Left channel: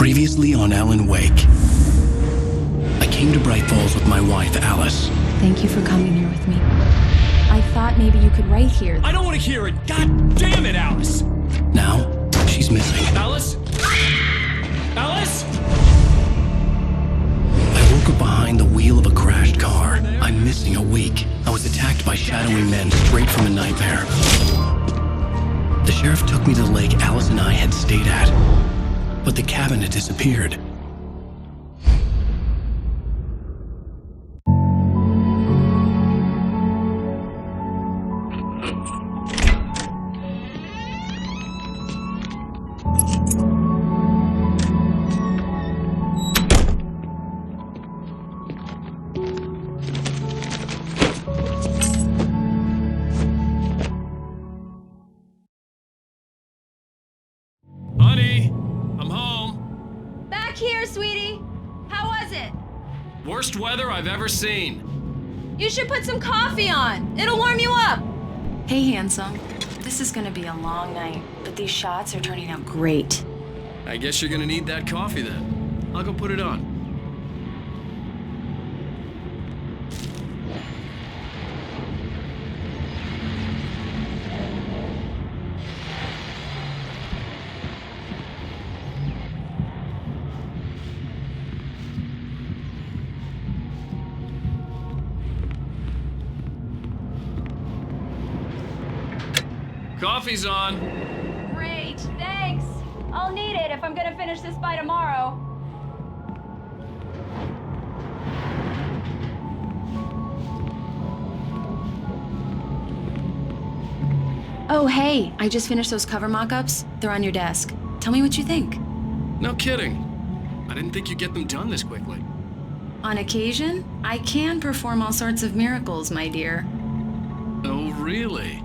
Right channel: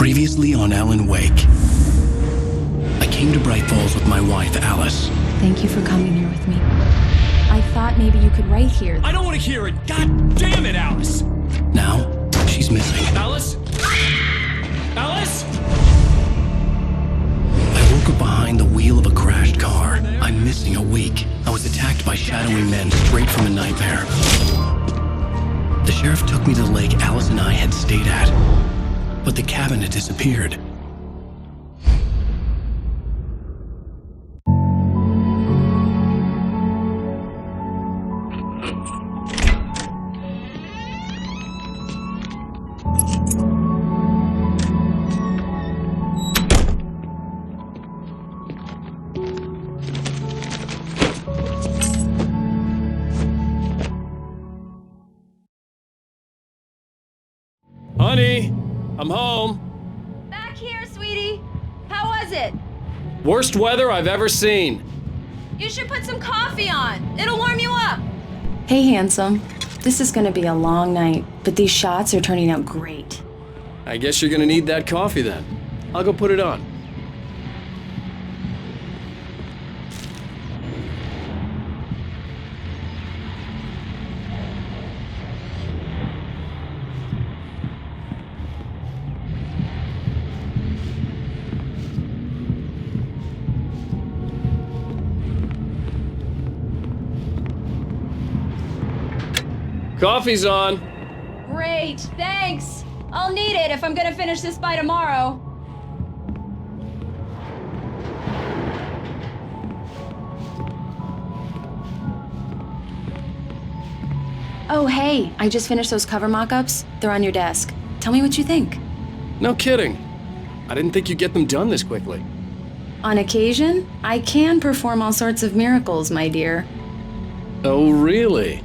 Previously on Alan Wake. I came to Bright Falls with my wife, Alice. Thank you for coming here with me. I thought maybe you could write here. I don't want to hear it! God damn it, Alice! Now, she's missing. Alice? Alice? I woke up behind the wheel of a crashed car. I'm missing a week. I was attacked by shadowy men straight from a nightmare. The sheriff took me to the lake Alice and I had stayed at, but the cabin had disappeared. Honey, I'm home. Back here, sweetie. How was it? Worst weather I've ever seen. You should put some coffee on. It'll warm you up. Hey, handsome. This is gonna be a long night, but these shots are turning out great. I guess you're gonna need that coffee then. I'll go put it on. Coffee's on. Great, thanks. I'll need it if I'm gonna finish this by tomorrow. Oh, hey, I just finished those cover mock-ups. They're on your desk. Tell me what you think. No kidding. I didn't think you'd get them done this quickly. On occasion, I can perform all sorts of miracles, my dear. Oh, really?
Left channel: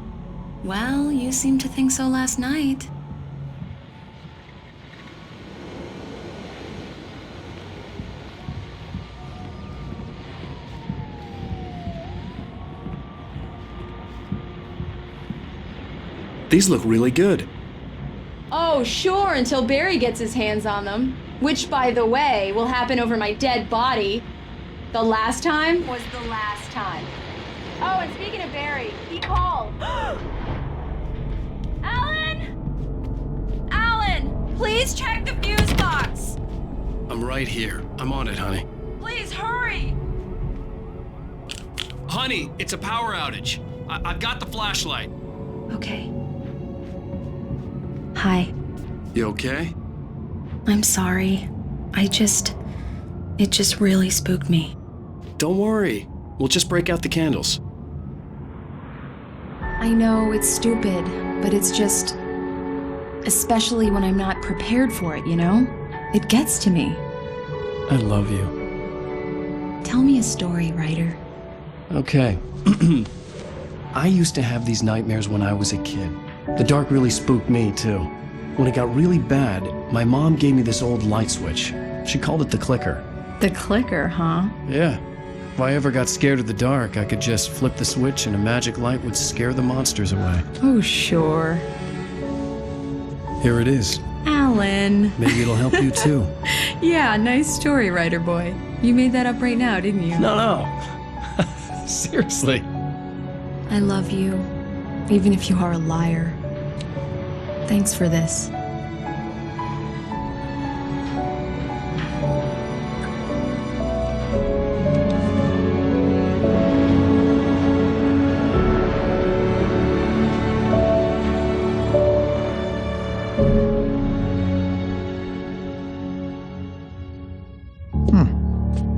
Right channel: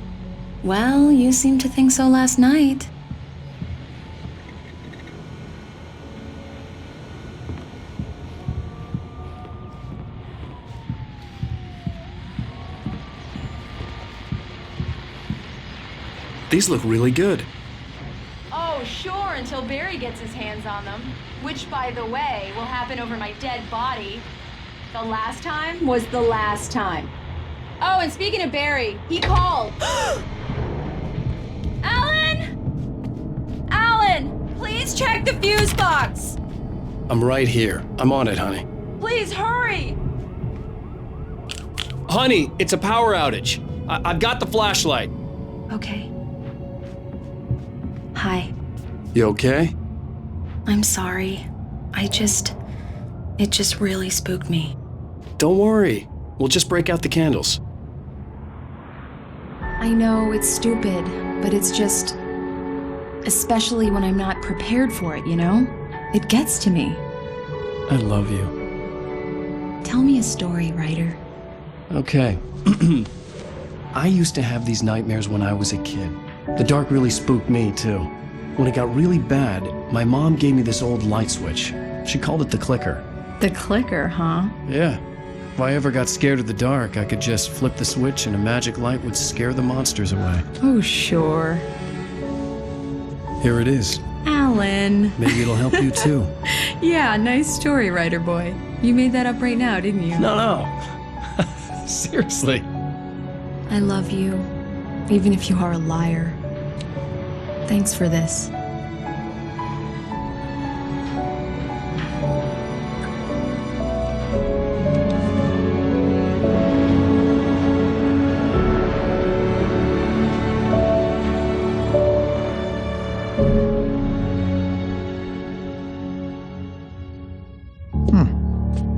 Well, you seemed to think so last night. These look really good. Oh, sure, until Barry gets his hands on them. Which, by the way, will happen over my dead body. The last time was the last time. Oh, and speaking of Barry, he called. Alan, please check the fuse box. I'm right here. I'm on it, honey. Please hurry. Honey, it's a power outage. I've got the flashlight. Okay. Hi. You okay? I'm sorry. It just really spooked me. Don't worry. We'll just break out the candles. I know it's stupid, but it's just... Especially when I'm not prepared for it, you know? It gets to me. I love you. Tell me a story, writer. Okay. I used to have these nightmares when I was a kid. The dark really spooked me, too. When it got really bad, my mom gave me this old light switch. She called it the clicker. The clicker, huh? Yeah. If I ever got scared of the dark, I could just flip the switch and a magic light would scare the monsters away. Oh, sure. Here it is. Alan. Maybe it'll help you, too. Yeah, nice story, writer boy. You made that up right now, didn't you? No. Seriously. I love you, even if you are a liar. Thanks for this.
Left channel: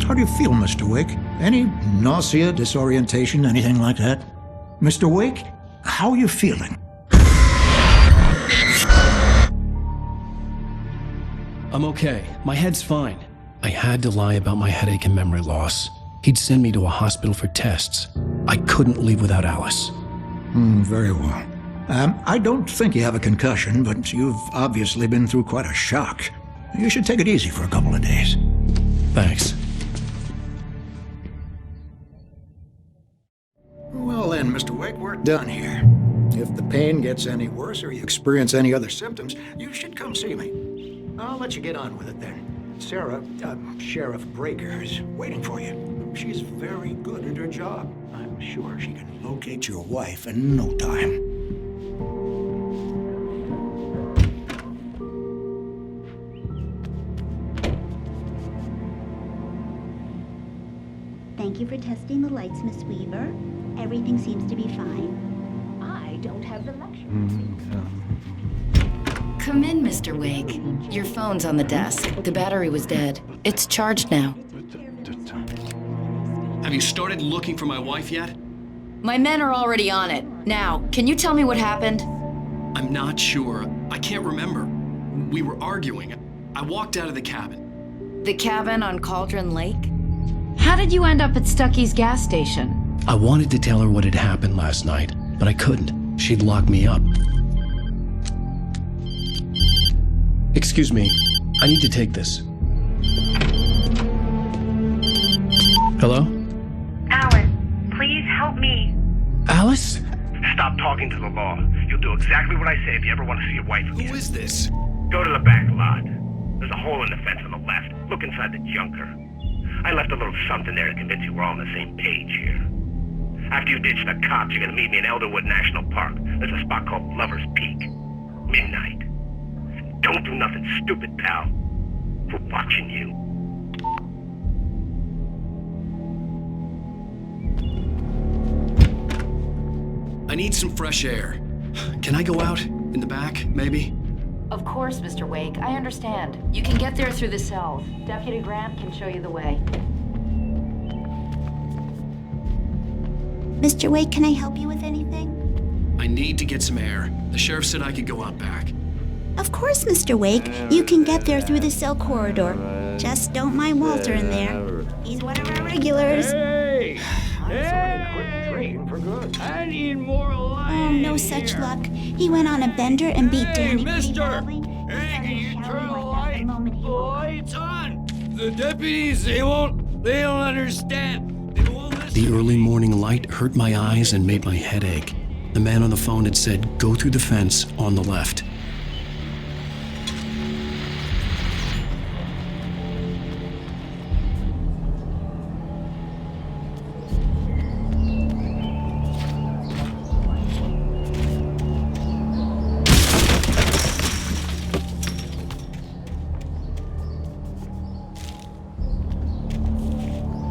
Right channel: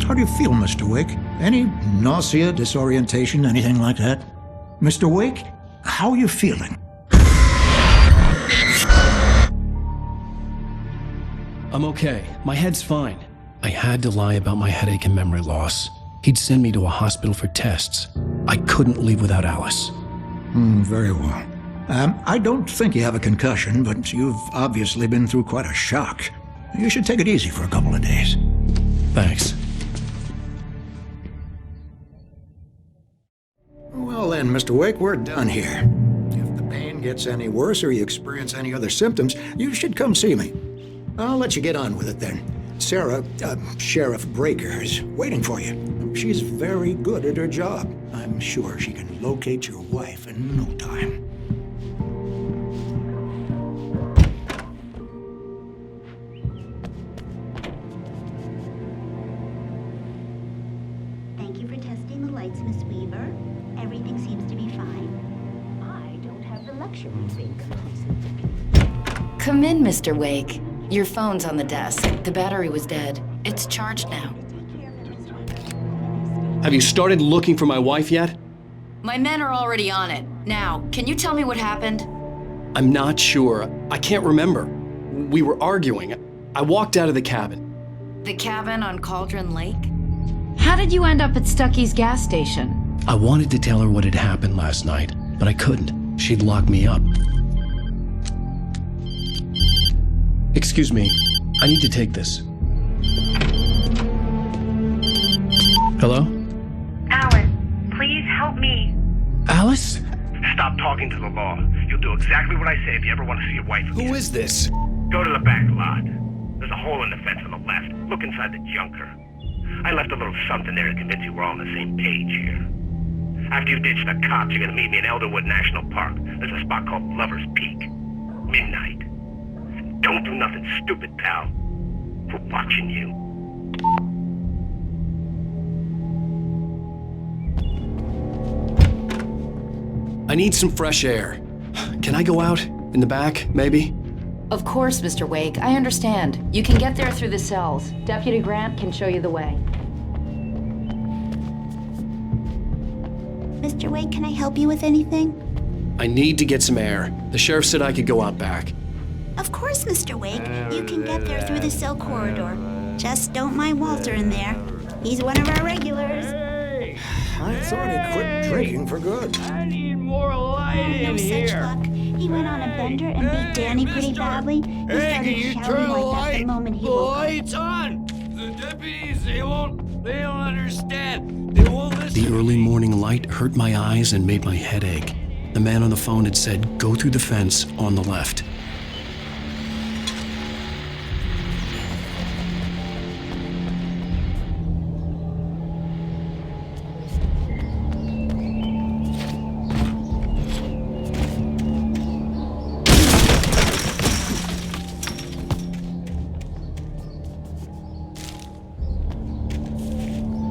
How do you feel, Mr. Wake? Any nausea, disorientation, anything like that? Mr. Wake, how are you feeling? I'm okay. My head's fine. I had to lie about my headache and memory loss. He'd send me to a hospital for tests. I couldn't leave without Alice. Very well. I don't think you have a concussion, but you've obviously been through quite a shock. You should take it easy for a couple of days. Thanks. Well then, Mr. Wake, we're done here. If the pain gets any worse or you experience any other symptoms, you should come see me. I'll let you get on with it then. Sarah, Sheriff Breaker, is waiting for you. She's very good at her job. I'm sure she can locate your wife in no time. Thank you for testing the lights, Miss Weaver. Everything seems to be fine. I don't have the luxury of being close. Come in, Mr. Wake. Your phone's on the desk. The battery was dead. It's charged now. Have you started looking for my wife yet? My men are already on it. Now, can you tell me what happened? I'm not sure. I can't remember. We were arguing. I walked out of the cabin. The cabin on Cauldron Lake? How did you end up at Stucky's gas station? I wanted to tell her what had happened last night, but I couldn't. She'd lock me up. Excuse me, I need to take this. Hello? Alan, please help me. Alice? Stop talking to the law. You'll do exactly what I say if you ever want to see your wife again. Who is this? Go to the back lot. There's a hole in the fence on the left. Look inside the junker. I left a little something there to convince you we're all on the same page here. After you ditch the cops, you're gonna meet me in Elderwood National Park. There's a spot called Lover's Peak. Midnight. Don't do nothing stupid, pal. We're watching you. I need some fresh air. Can I go out? In the back, maybe? Of course, Mr. Wake. I understand. You can get there through the cells. Deputy Grant can show you the way. Mr. Wake, can I help you with anything? I need to get some air. The sheriff said I could go out back. Of course, Mr. Wake. You can get there through the cell corridor. Just don't mind Walter in there. He's one of our regulars. I thought he quit drinking for good. I need more light Oh, no in such here. luck. He went on a bender and beat Danny pretty mister! badly. He Hey, started can you shouting turn the like that the light? moment he The woke up. lights on. The deputies, they don't understand. They won't listen. The early morning light hurt my eyes and made my head ache. The man on the phone had said, go through the fence on the left.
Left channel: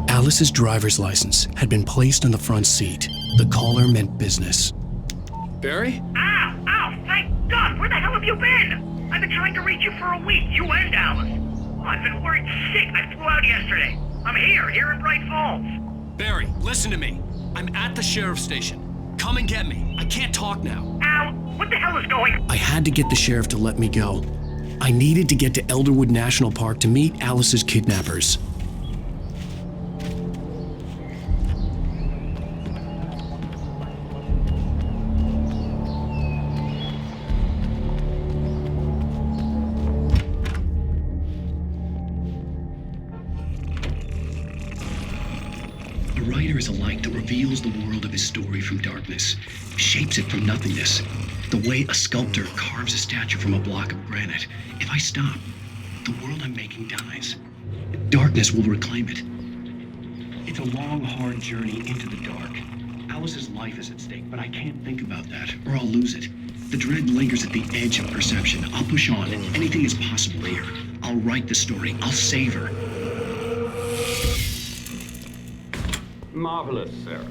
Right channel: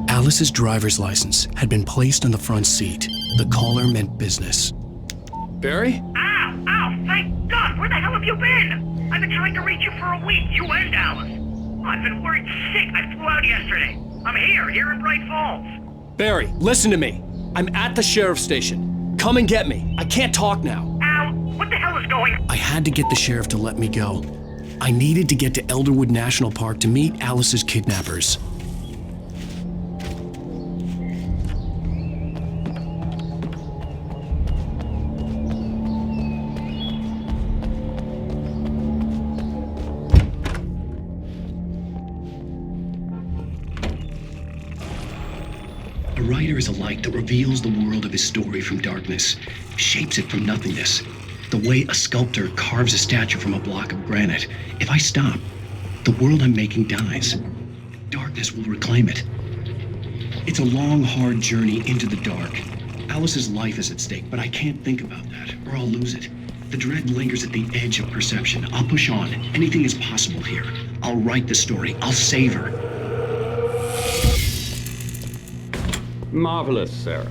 Alice's driver's license had been placed on the front seat. The caller meant business. Barry? Ow! Ow! Thank God! Where the hell have you been? I've been trying to reach you for a week, you and Alice. Oh, I've been worried sick. I flew out yesterday. I'm here in Bright Falls. Barry, listen to me. I'm at the sheriff's station. Come and get me. I can't talk now. Al, what the hell is going on? I had to get the sheriff to let me go. I needed to get to Elderwood National Park to meet Alice's kidnappers. A writer is a light that reveals the world of his story from darkness, shapes it from nothingness. The way a sculptor carves a statue from a block of granite. If I stop, the world I'm making dies. Darkness will reclaim it. It's a long, hard journey into the dark. Alice's life is at stake, but I can't think about that, or I'll lose it. The dread lingers at the edge of perception. I'll push on. Anything is possible here. I'll write the story. I'll save her. Marvelous, Sarah.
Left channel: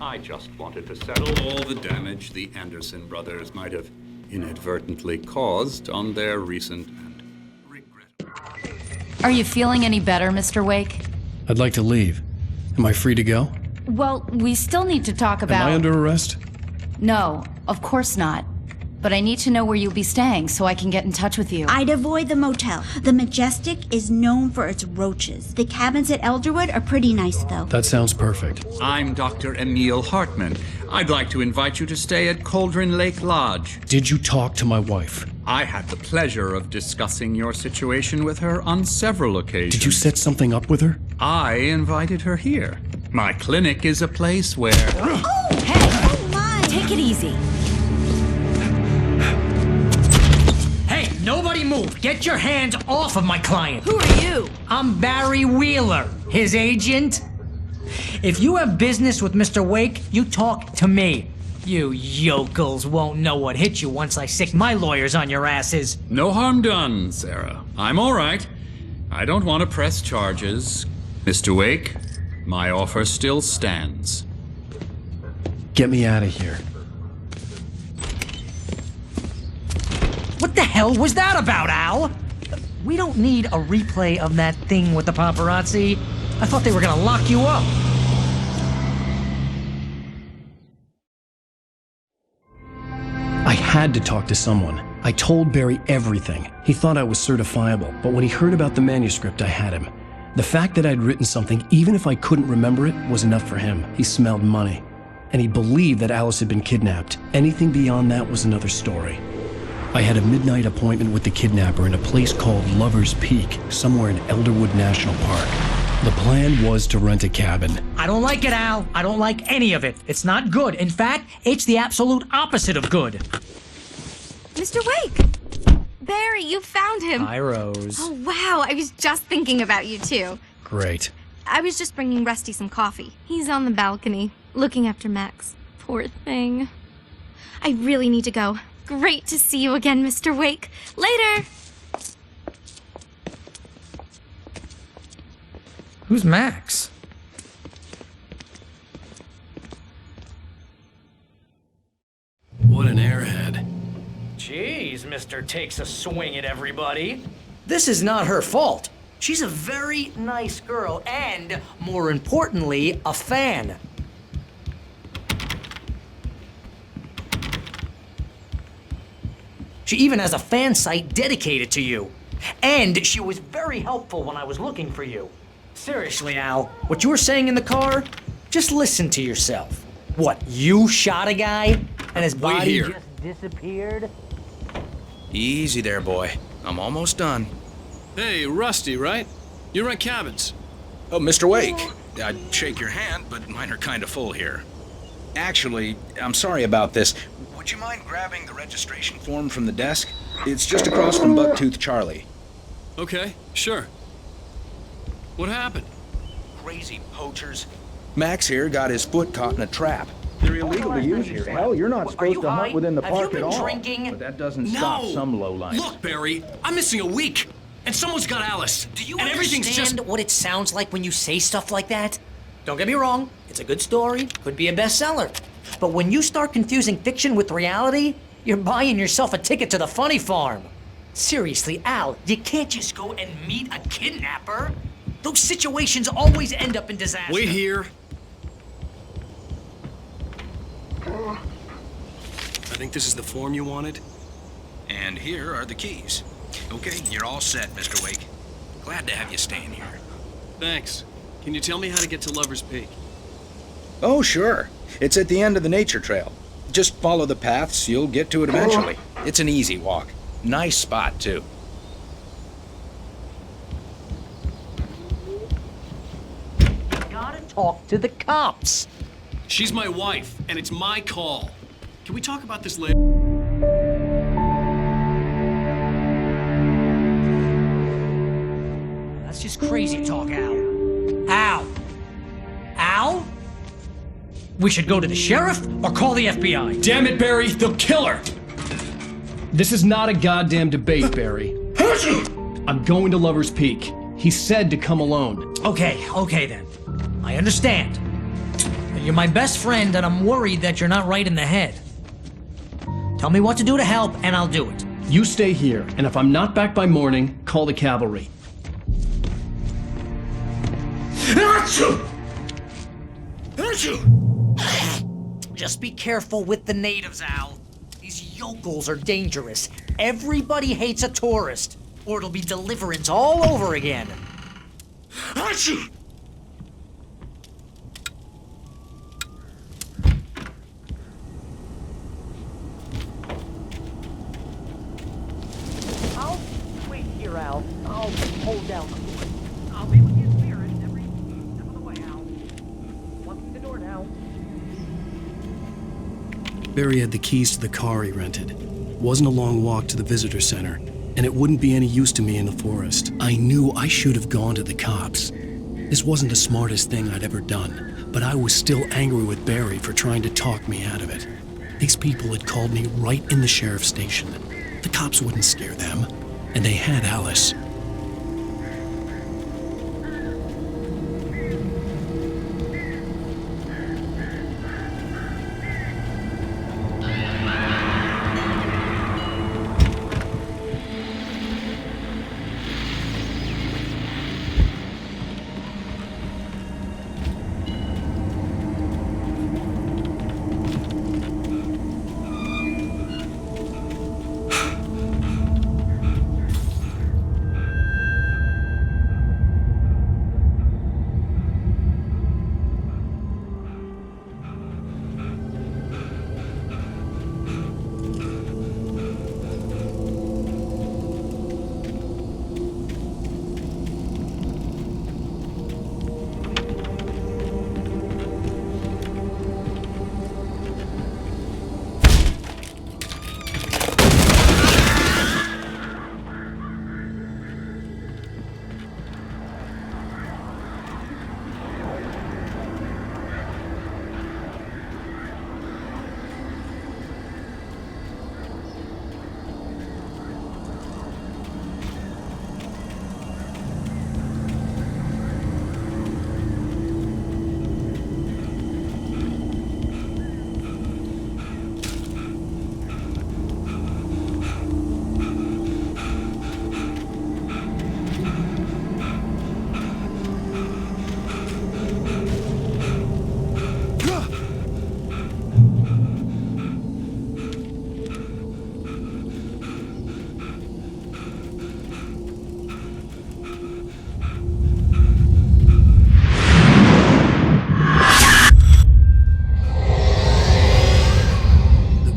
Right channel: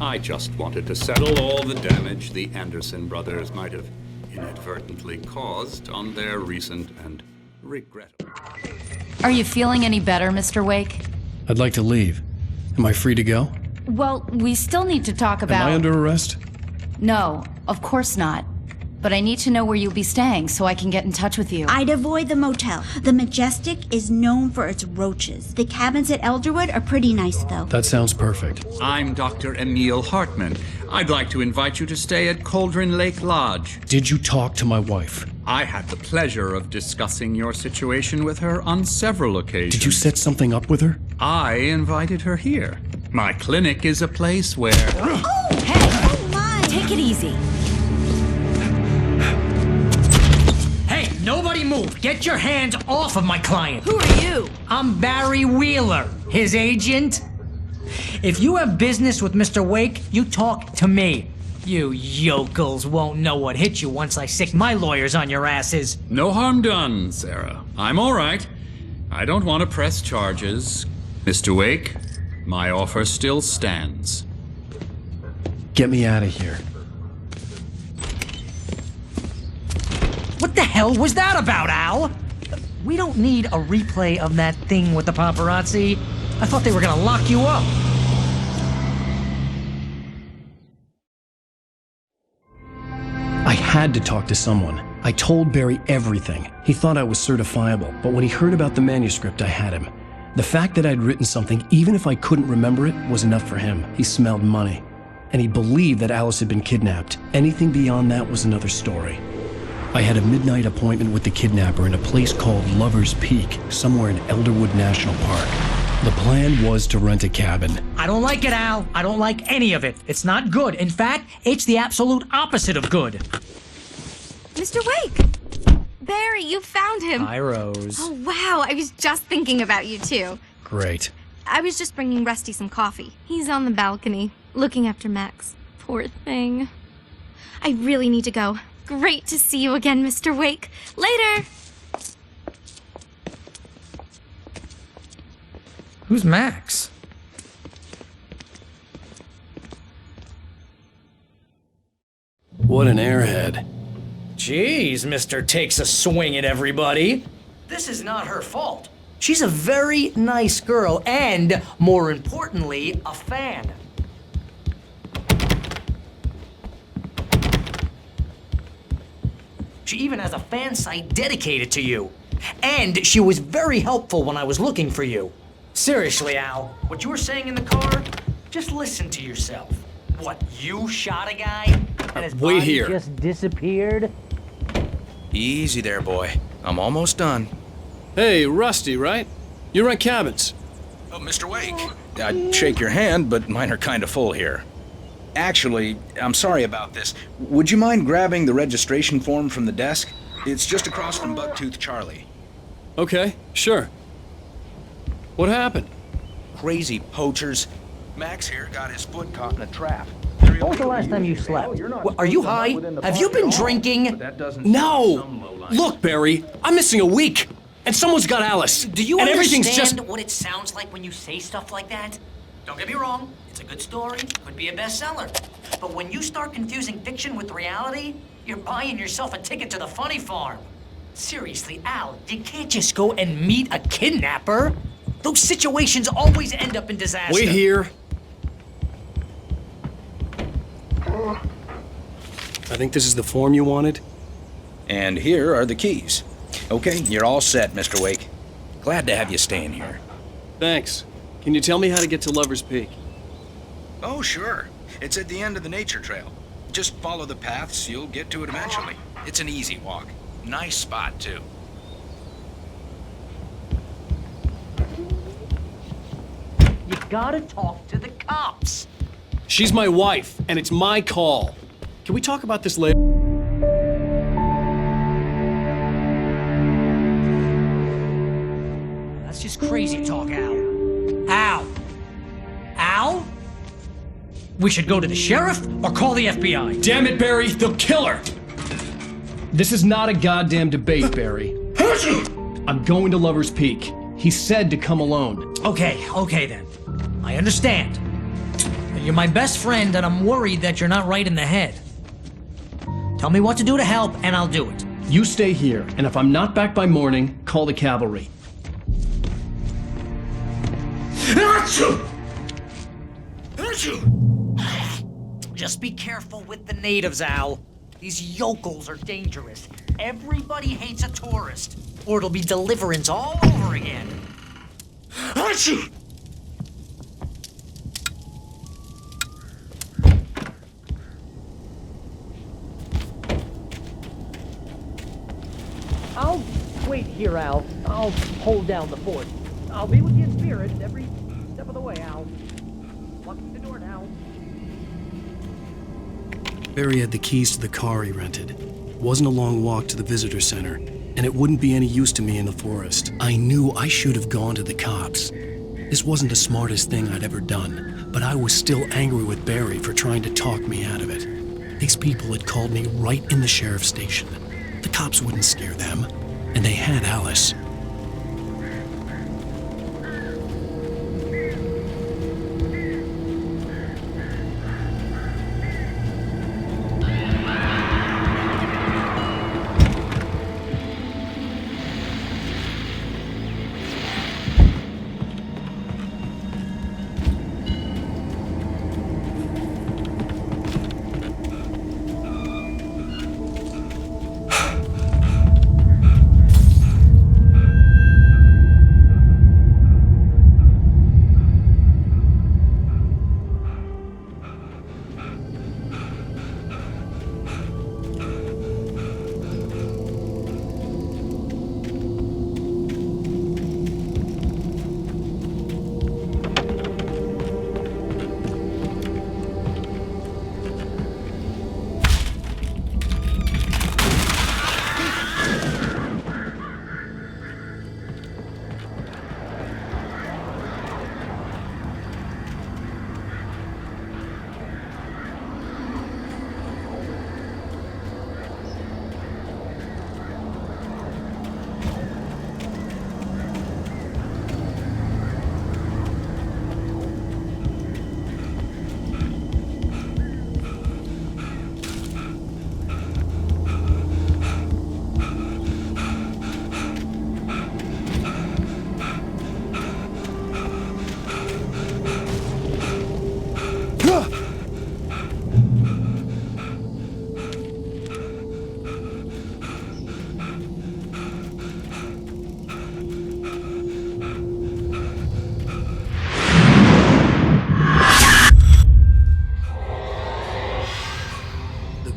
I just wanted to settle all the damage the Anderson brothers might have inadvertently caused on their recent and regrettable... Are you feeling any better, Mr. Wake? I'd like to leave. Am I free to go? Well, we still need to talk about... Am I under arrest? No, of course not. But I need to know where you'll be staying so I can get in touch with you. I'd avoid the motel. The Majestic is known for its roaches. The cabins at Elderwood are pretty nice, though. That sounds perfect. I'm Dr. Emil Hartman. I'd like to invite you to stay at Cauldron Lake Lodge. Did you talk to my wife? I had the pleasure of discussing your situation with her on several occasions. Did you set something up with her? I invited her here. My clinic is a place where... Oh! Hey! Oh, my! Take it easy. Hey, nobody move! Get your hands off of my client! Who are you? I'm Barry Wheeler, his agent. If you have business with Mr. Wake, you talk to me. You yokels won't know what hit you once I sick my lawyers on your asses. No harm done, Sarah. I'm all right. I don't want to press charges. Mr. Wake, my offer still stands. Get me out of here. What the hell was that about, Al? We don't need a replay of that thing with the paparazzi. I thought they were gonna lock you up. I had to talk to someone. I told Barry everything. He thought I was certifiable, but when he heard about the manuscript, I had him. The fact that I'd written something, even if I couldn't remember it, was enough for him. He smelled money. And he believed that Alice had been kidnapped. Anything beyond that was another story. I had a midnight appointment with the kidnapper in a place called Lover's Peak, somewhere in Elderwood National Park. The plan was to rent a cabin. I don't like it, Al. I don't like any of it. It's not good. In fact, it's the absolute opposite of good. Mr. Wake! Barry, you found him. Hi, Rose. Oh, wow. I was just thinking about you, too. Great. I was just bringing Rusty some coffee. He's on the balcony, looking after Max. Poor thing. I really need to go. Great to see you again, Mr. Wake. Later! Who's Max? What an airhead. Jeez, Mr. Takes a swing at everybody. This is not her fault. She's a very nice girl and, more importantly, a fan. She even has a fan site dedicated to you. And she was very helpful when I was looking for you. Seriously, Al, what you were saying in the car, just listen to yourself. What, you shot a guy and his Wait body here. just disappeared? Easy there, boy. I'm almost done. Hey, Rusty, right? You rent cabins. Oh, Mr. Wake. I'd shake your hand, but mine are kind of full here. Actually, I'm sorry about this. Would you mind grabbing the registration form from the desk? It's just across from Bucktooth Charlie. Okay, sure. What happened? Crazy poachers. Max here got his foot caught in a trap. They're illegal to use here. Hell, you're not Are you high? Have you been drinking? But that doesn't No! stop some lowlife. Look, Barry, I'm missing a week. And someone's got Alice. Do you and everything's understand just... what it sounds like when you say stuff like that? Don't get me wrong, it's a good story, could be a bestseller. But when you start confusing fiction with reality, you're buying yourself a ticket to the funny farm. Seriously, Al, you can't just go and meet a kidnapper. Those situations always end up in disaster. Wait here. I think this is the form you wanted. And here are the keys. Okay, you're all set, Mr. Wake. Glad to have you staying here. Thanks. Can you tell me how to get to Lover's Peak? Oh, sure. It's at the end of the nature trail. Just follow the paths, you'll get to it eventually. It's an easy walk. Nice spot, too. You gotta talk to the cops. She's my wife, and it's my call. Can we talk about this later? That's just crazy talk, Al. Al? Al? We should go to the sheriff or call the FBI. Damn it, Barry, they'll kill her! This is not a goddamn debate, Barry. I'm going to Lover's Peak. He said to come alone. Okay then. I understand. But you're my best friend and I'm worried that you're not right in the head. Tell me what to do to help and I'll do it. You stay here, and if I'm not back by morning, call the cavalry. Just be careful with the natives, Al. These yokels are dangerous. Everybody hates a tourist, or it'll be Deliverance all over again. I'll wait here, Al. I'll hold down the fort. I'll be with you in spirit every step of the way, Al. Locking the door now. Barry had the keys to the car he rented. Wasn't a long walk to the visitor center. and it wouldn't be any use to me in the forest. I knew I should have gone to the cops. This wasn't the smartest thing I'd ever done, but I was still angry with Barry for trying to talk me out of it. These people had called me right in the sheriff's station. The cops wouldn't scare them, and they had Alice.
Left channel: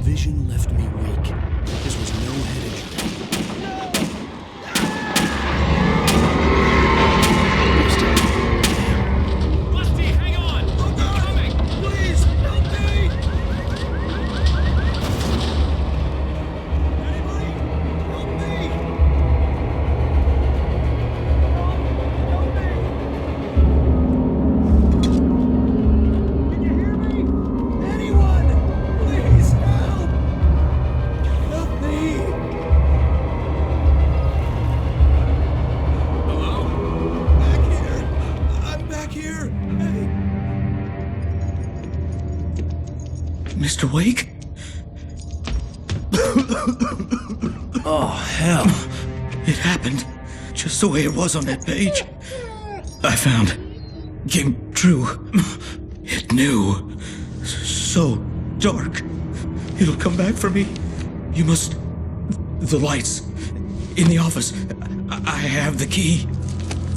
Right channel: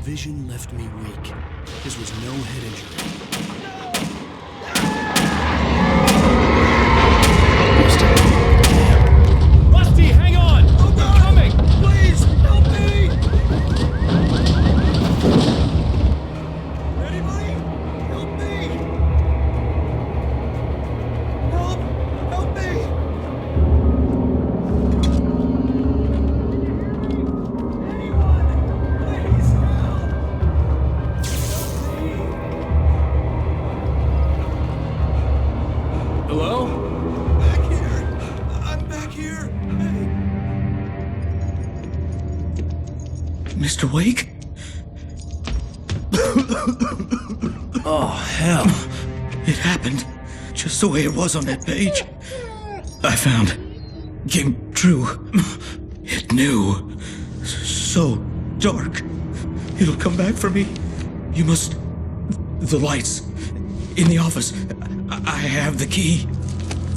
Vision left me weak. This was no head injury. Rusty, hang on! Oh God! I'm coming! Please, help me! Anybody? Help me! Help me! Can you hear me? Anyone? Please, help! Help me! Hello? Back here! I'm back here! Hey! Mr. Wake? Oh, hell. It happened just the way it was on that page. I found. Came true. It knew. So dark. It'll come back for me. You must. The lights. In the office. I have the key.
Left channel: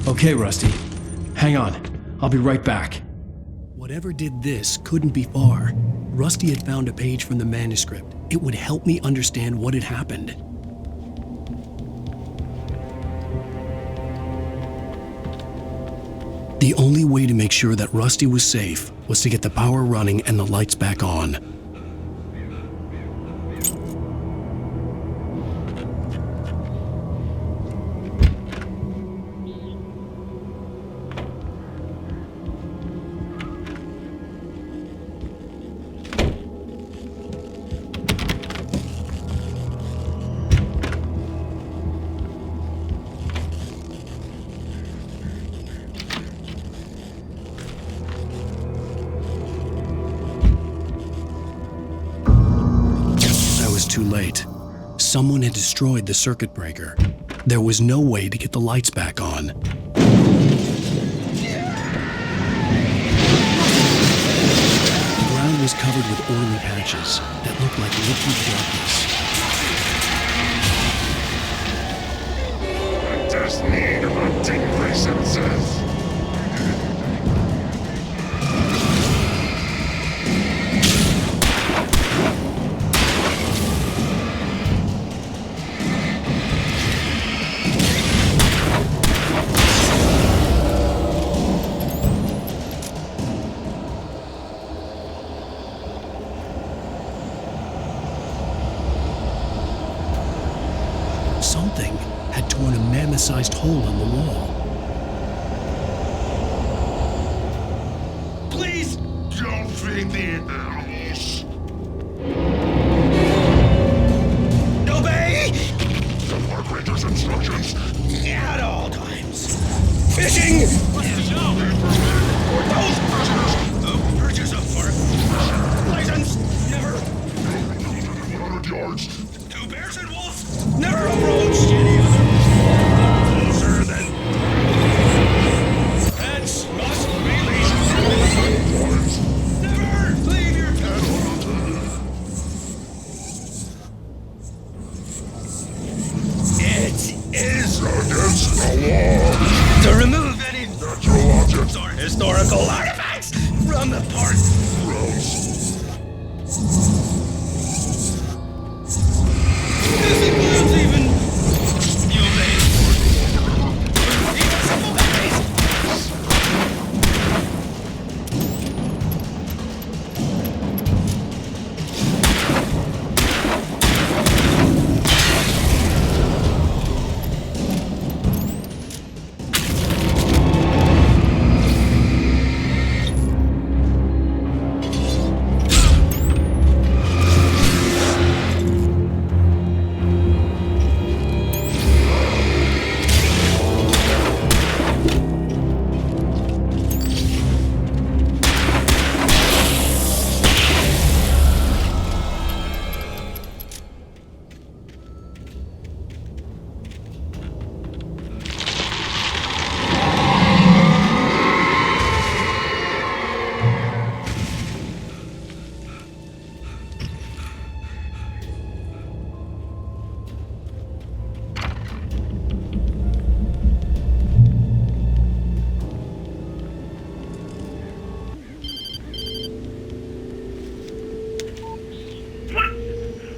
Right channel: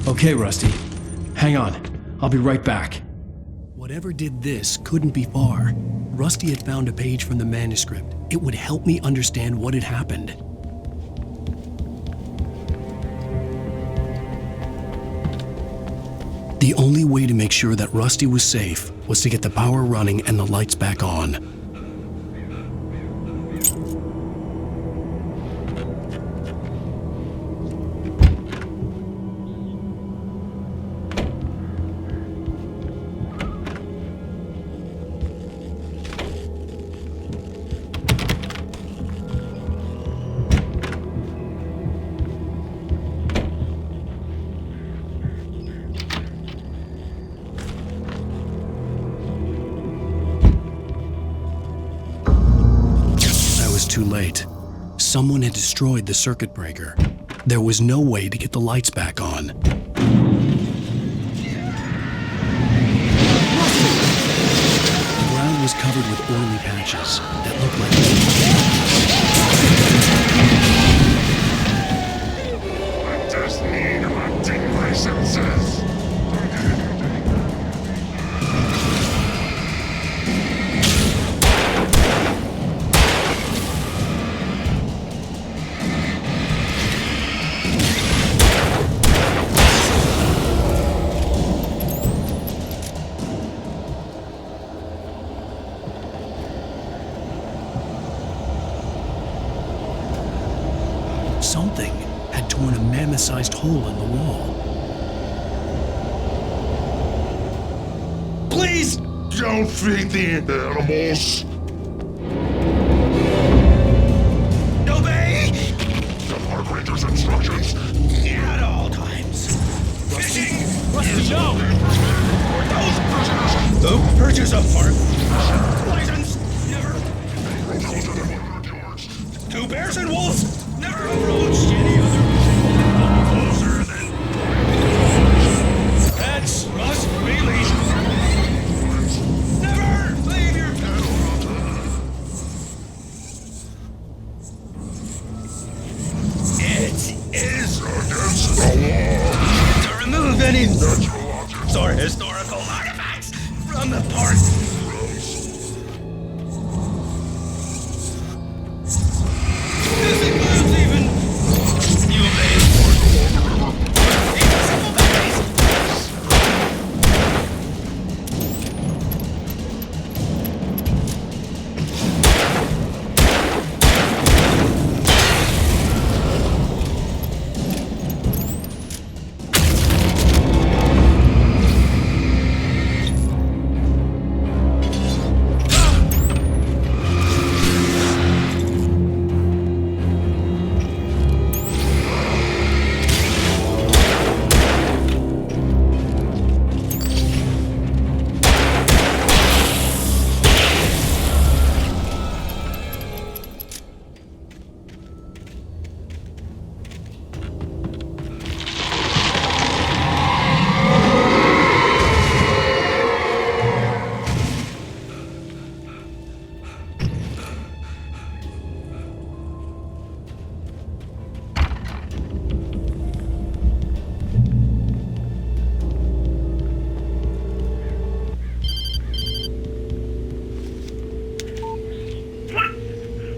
Okay, Rusty. Hang on. I'll be right back. Whatever did this couldn't be far. Rusty had found a page from the manuscript. It would help me understand what had happened. The only way to make sure that Rusty was safe was to get the power running and the lights back on. I was too late. Someone had destroyed the circuit breaker. There was no way to get the lights back on. The ground was covered with oily patches that looked like liquid darkness. I just need hunting licenses. Something had torn a mammoth-sized hole in the wall. Please don't feed the animals. Obey! The Park Ranger's instructions. At all times. Fishing! No! For those prisoners who purchase a park license, never. No road closer than 100 yards. Two bears and wolves never approach any other closer than. Pets must be leashed. Never leave your pet unattended. It is against the law to remove any natural objects or historical artifacts from the park. This includes even you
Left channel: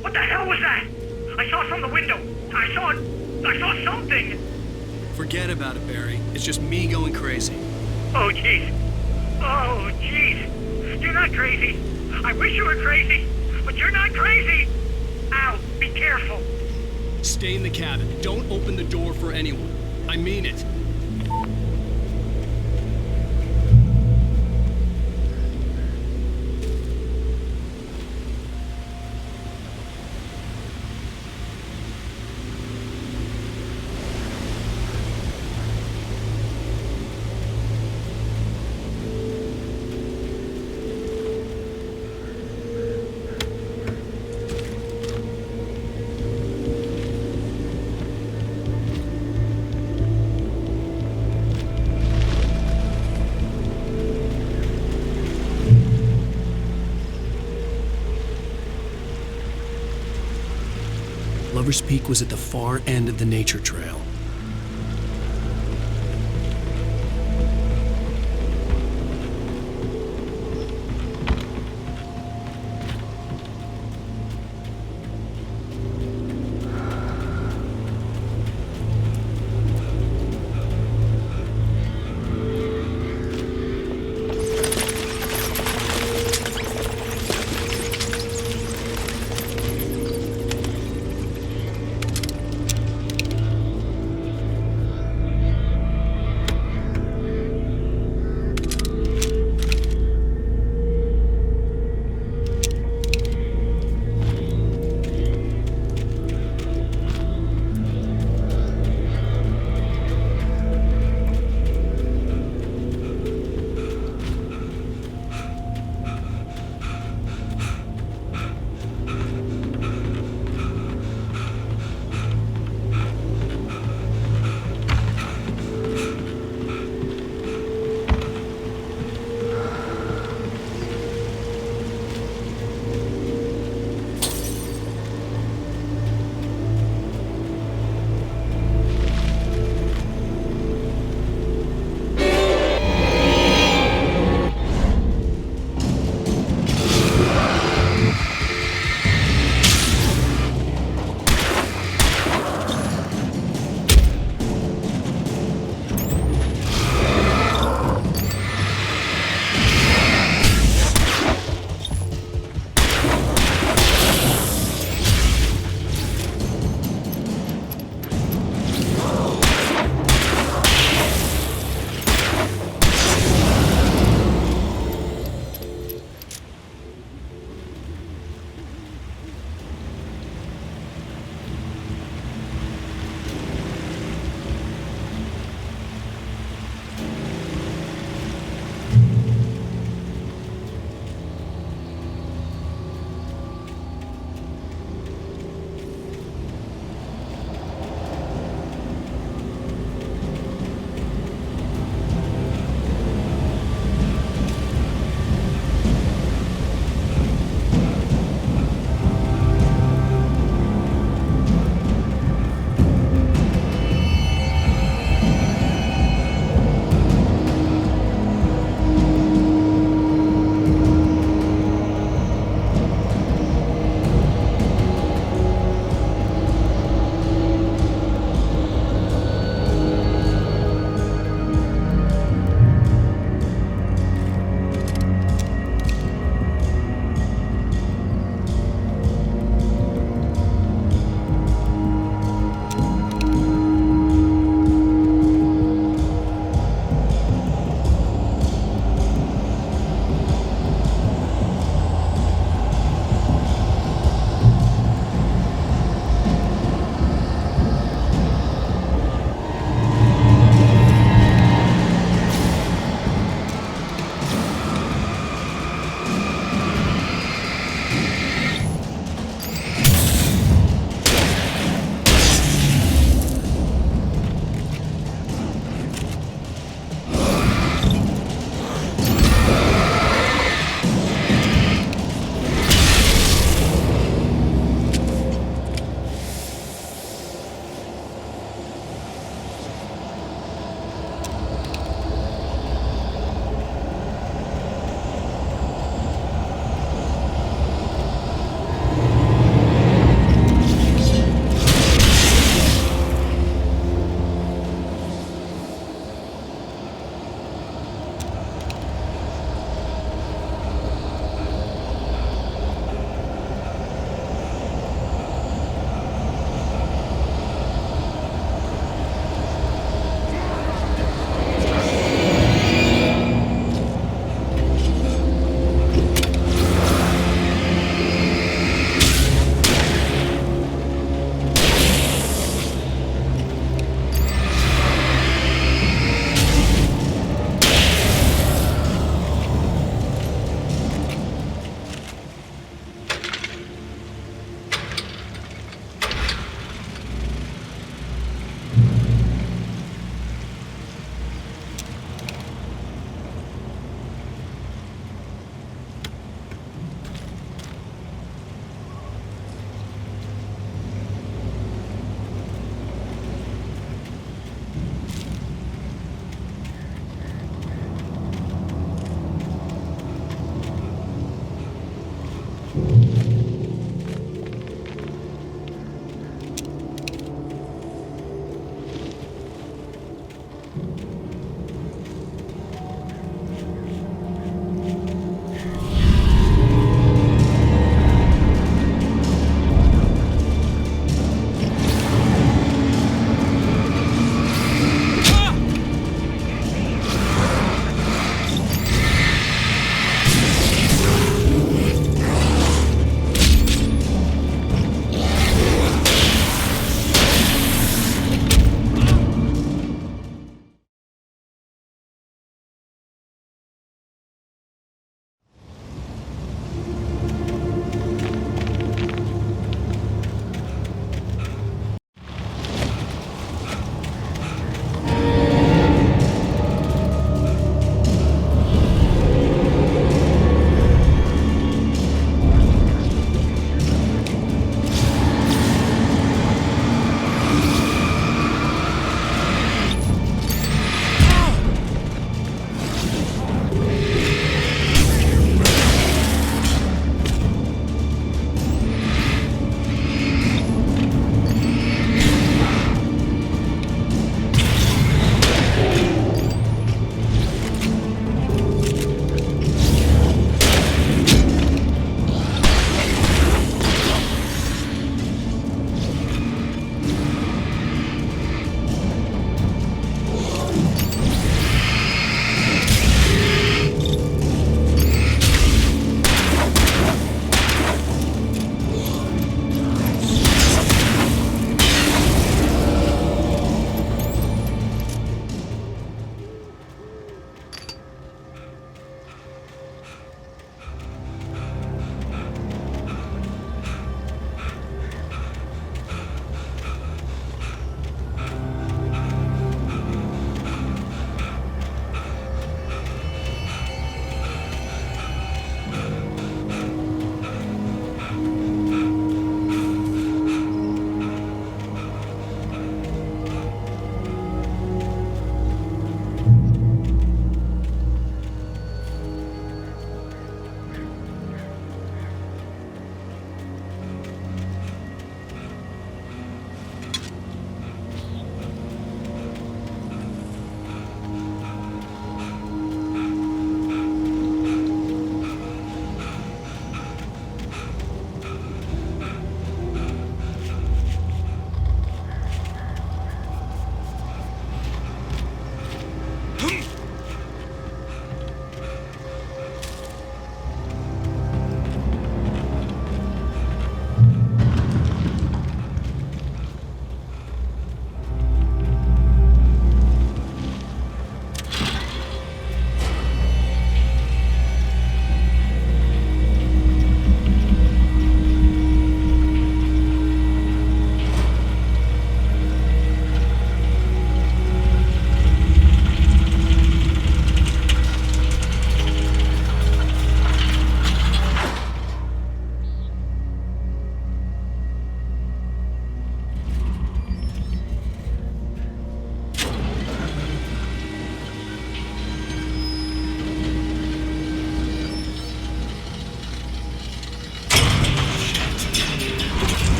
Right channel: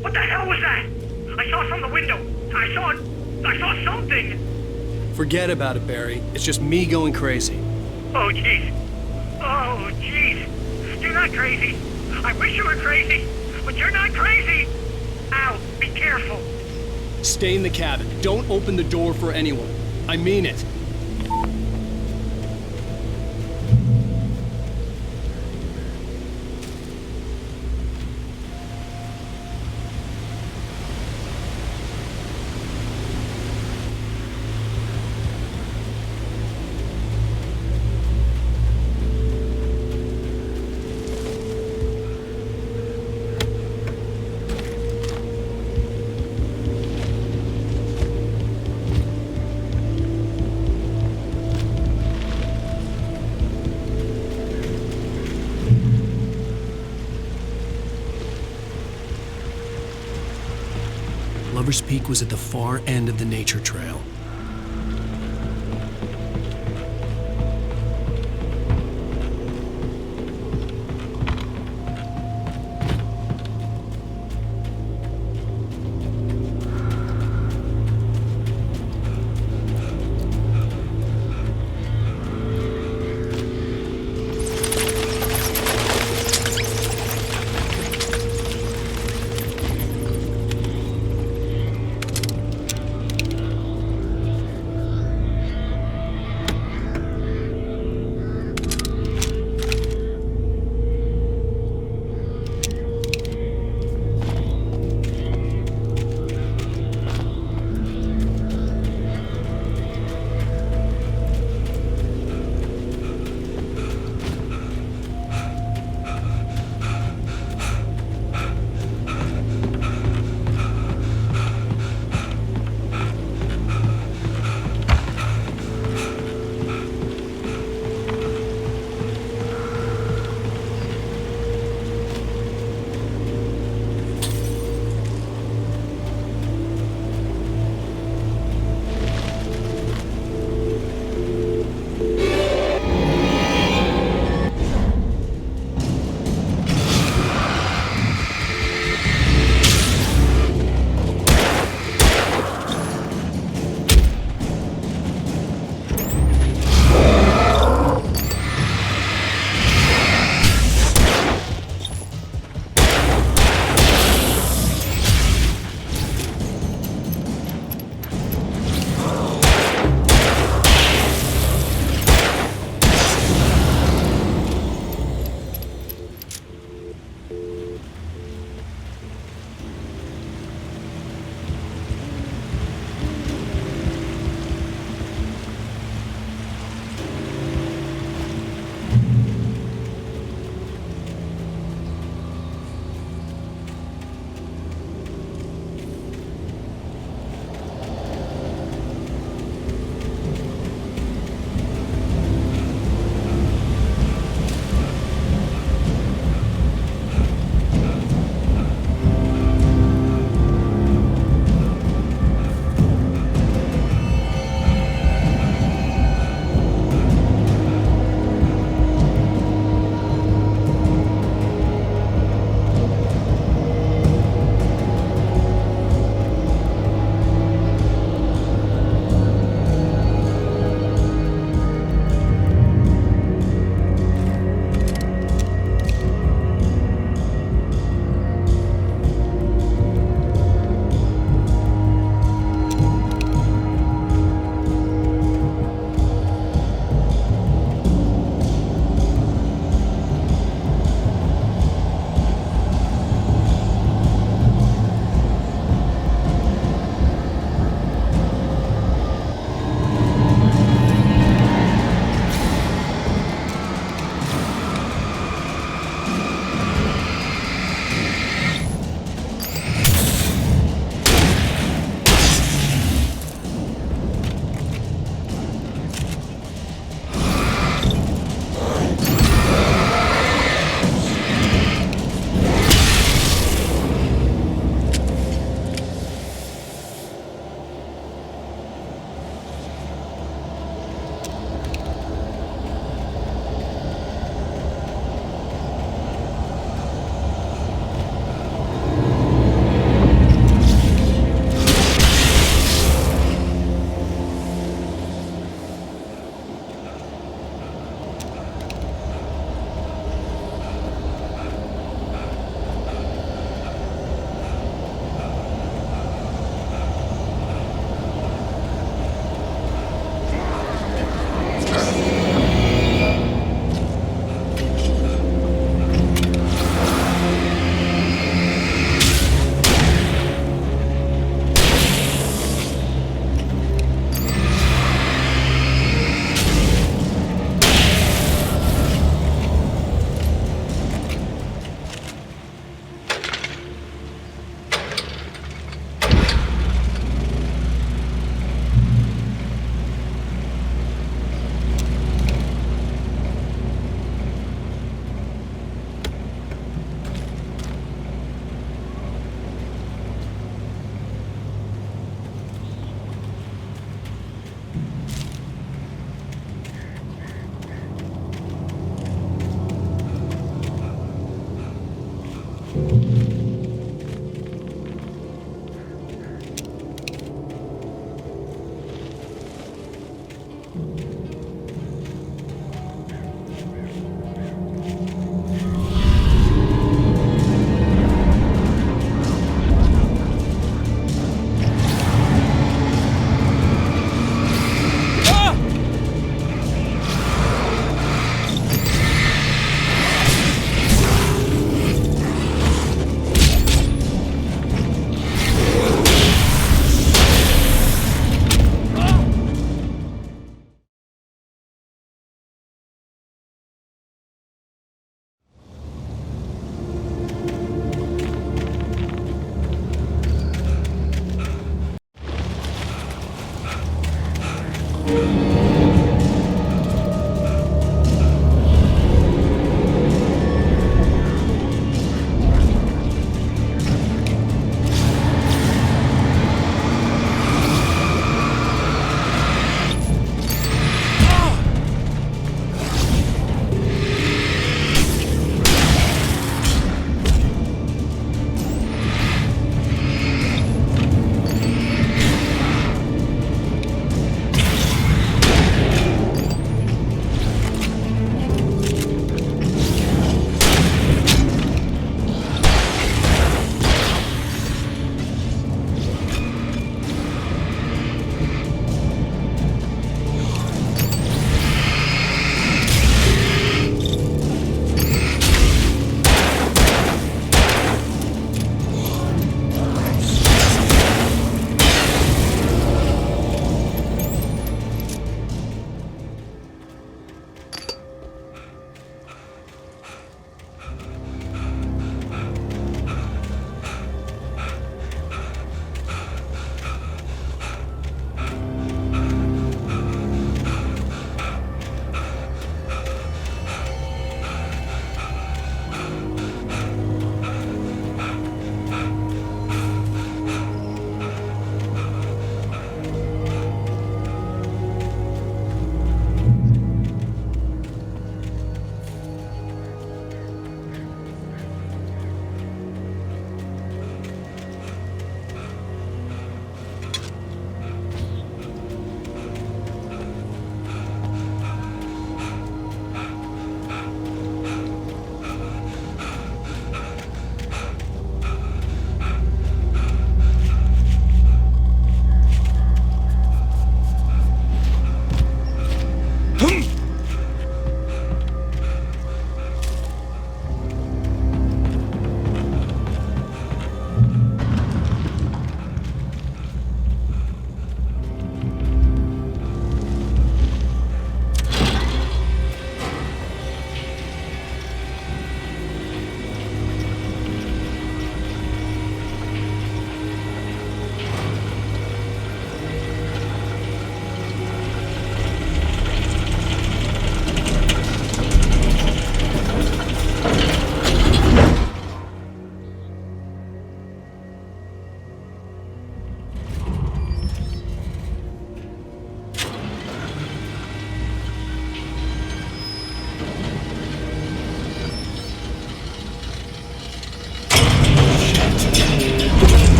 What the hell was that? I saw from the window. I saw something. Forget about it, Barry. It's just me going crazy. Oh, jeez. Oh, jeez. You're not crazy. I wish you were crazy, but you're not crazy. Ow, be careful. Stay in the cabin. Don't open the door for anyone. I mean it. Lover's Peak was at the far end of the nature trail.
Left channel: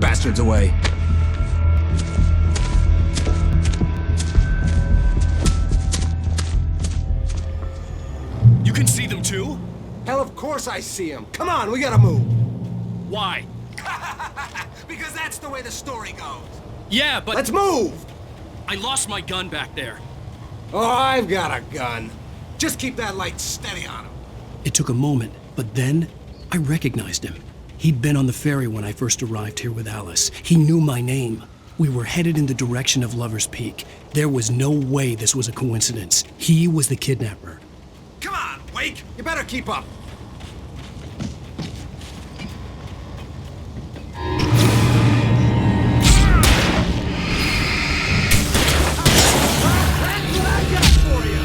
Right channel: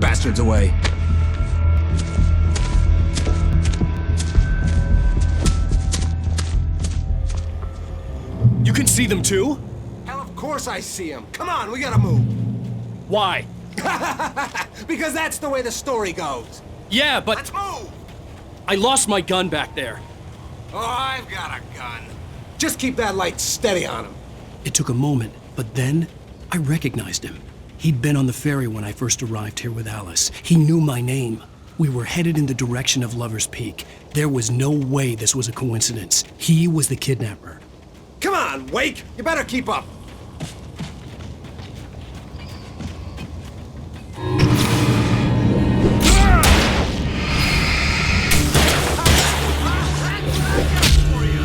Bastards away. You can see them too? Hell, of course I see them. Come on, we gotta move. Why? Because that's the way the story goes. Yeah, but... Let's move! I lost my gun back there. Oh, I've got a gun. Just keep that light steady on him. It took a moment, but then I recognized him. He'd been on the ferry when I first arrived here with Alice. He knew my name. We were headed in the direction of Lover's Peak. There was no way this was a coincidence. He was the kidnapper. Come on, Wake! You better keep up. That's what I got for you!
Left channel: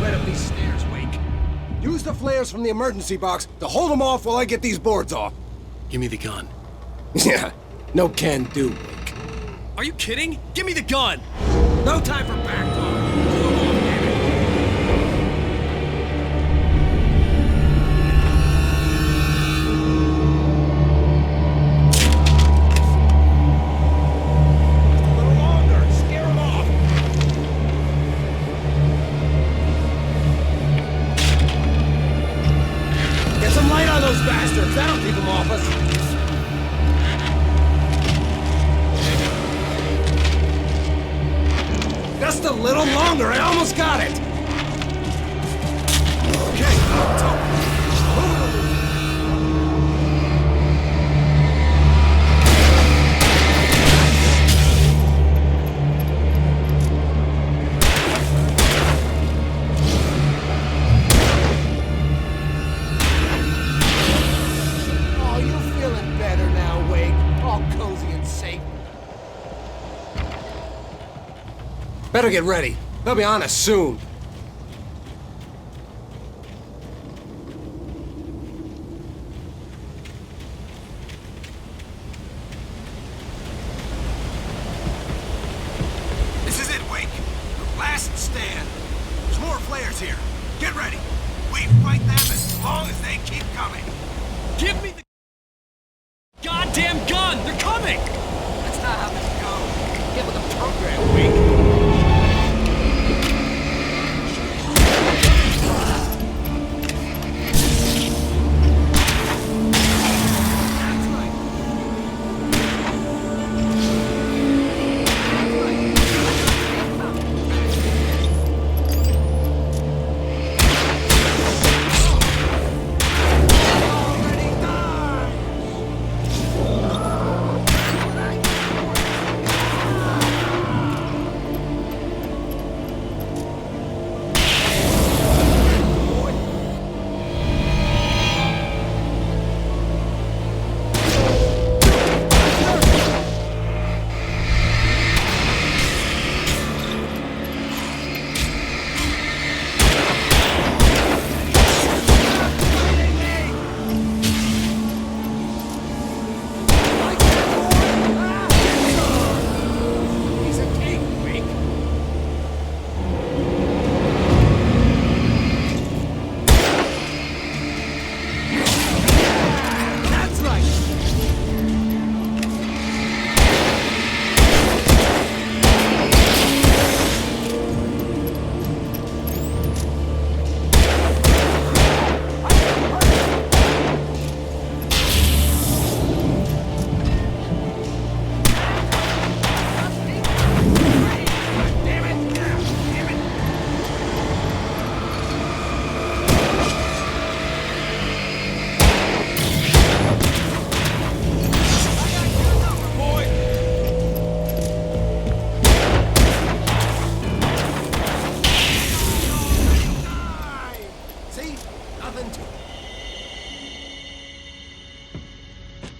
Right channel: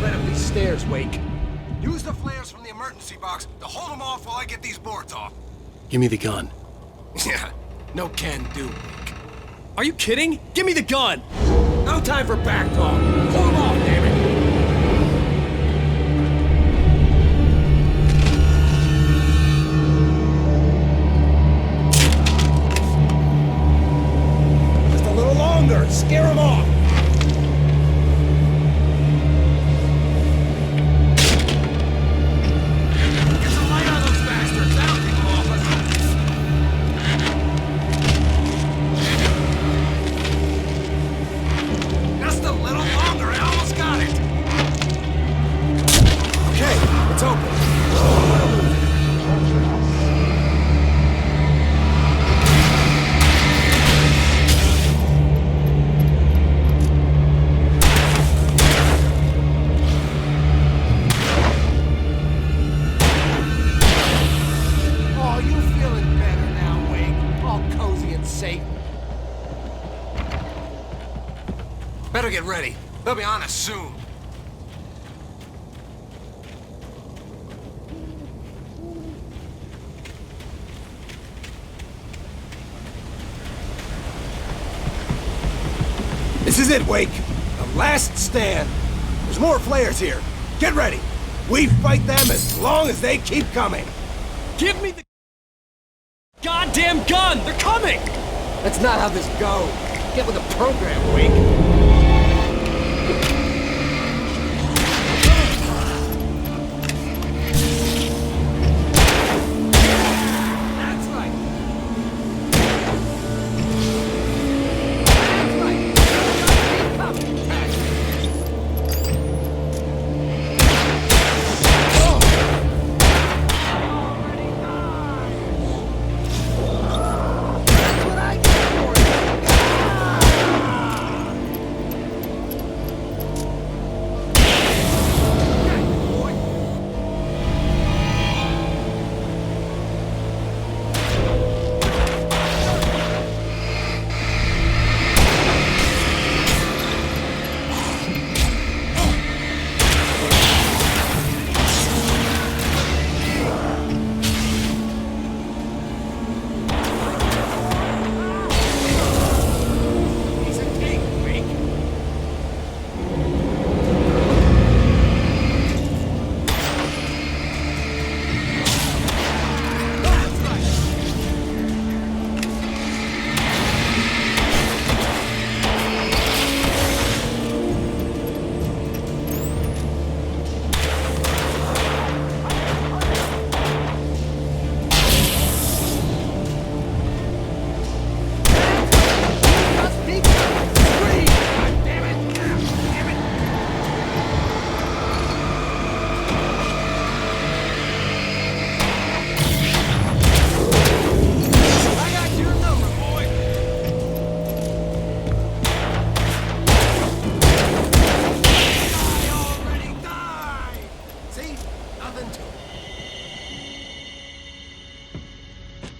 Right up these stairs, Wake. Use the flares from the emergency box to hold them off while I get these boards off. Give me the gun. Yeah, no can do, Wake. Are you kidding? Give me the gun! No time for back talk. Hold them off, damn it! Just a little longer. Scare them off. Get some light on those bastards. That'll keep them off us. Just a little longer. I almost got it. Okay, it's open. Move it or lose it. Oh, you feeling better now, Wake? All cozy and safe. Better get ready. They'll be on us soon. This is it, Wake. The last stand. There's more flares here. Get ready. We fight them as long as they keep coming. Give me the goddamn gun! They're coming! That's not how this goes. Get with the program, Wake. That's right.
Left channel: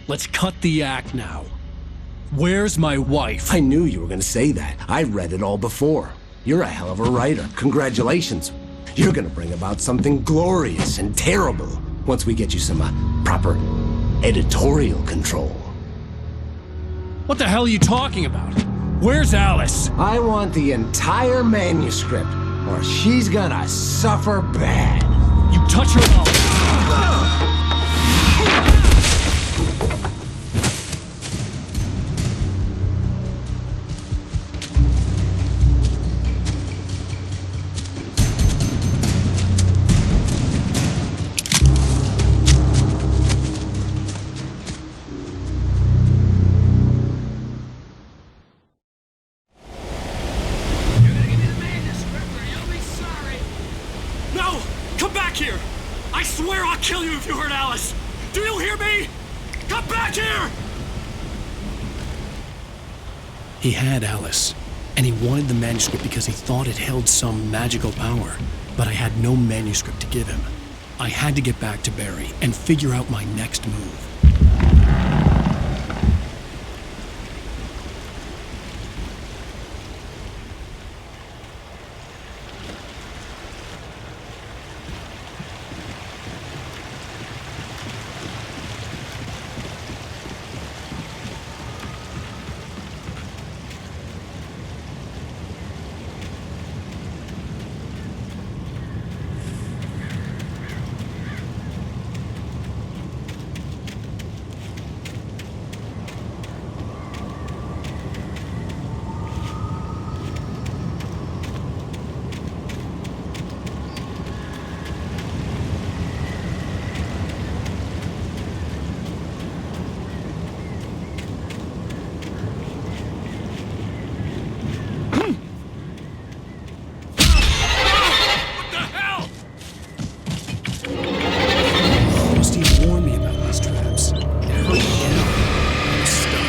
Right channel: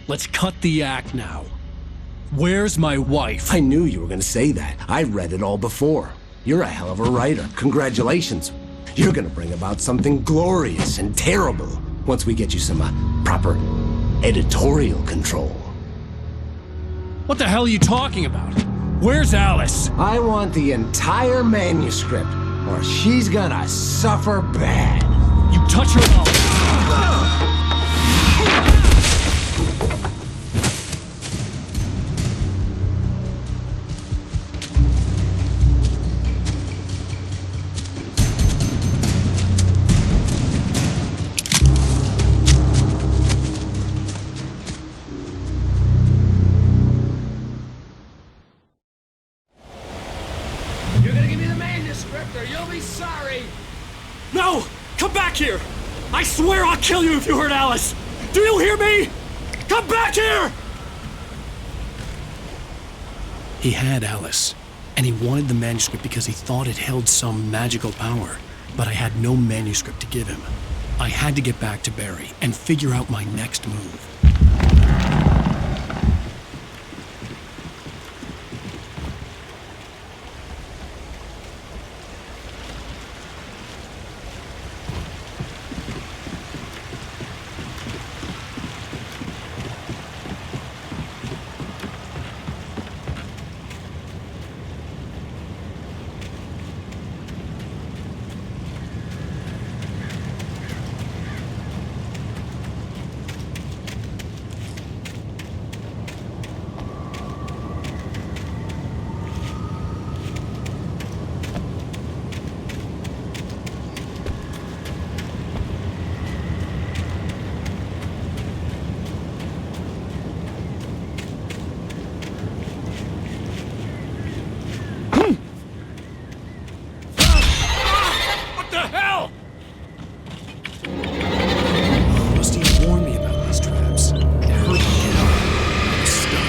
Let's cut the act now. Where's my wife? I knew you were gonna say that. I read it all before. You're a hell of a writer. Congratulations. You're gonna bring about something glorious and terrible once we get you some proper editorial control. What the hell are you talking about? Where's Alice? I want the entire manuscript, or she's gonna suffer bad. You touch her mouth. No! Come back here! I swear I'll kill you if you hurt Alice! Do you hear me? Come back here! He had Alice, and he wanted the manuscript because he thought it held some magical power. But I had no manuscript to give him. I had to get back to Barry and figure out my next move. Rusty had warned me about these traps. It hurt me hell. I was stuck.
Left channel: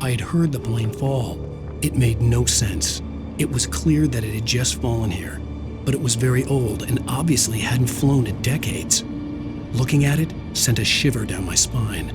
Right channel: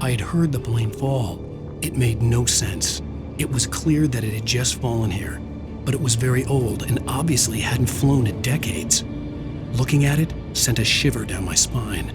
I had heard the plane fall. It made no sense. It was clear that it had just fallen here, but it was very old and obviously hadn't flown in decades. Looking at it sent a shiver down my spine.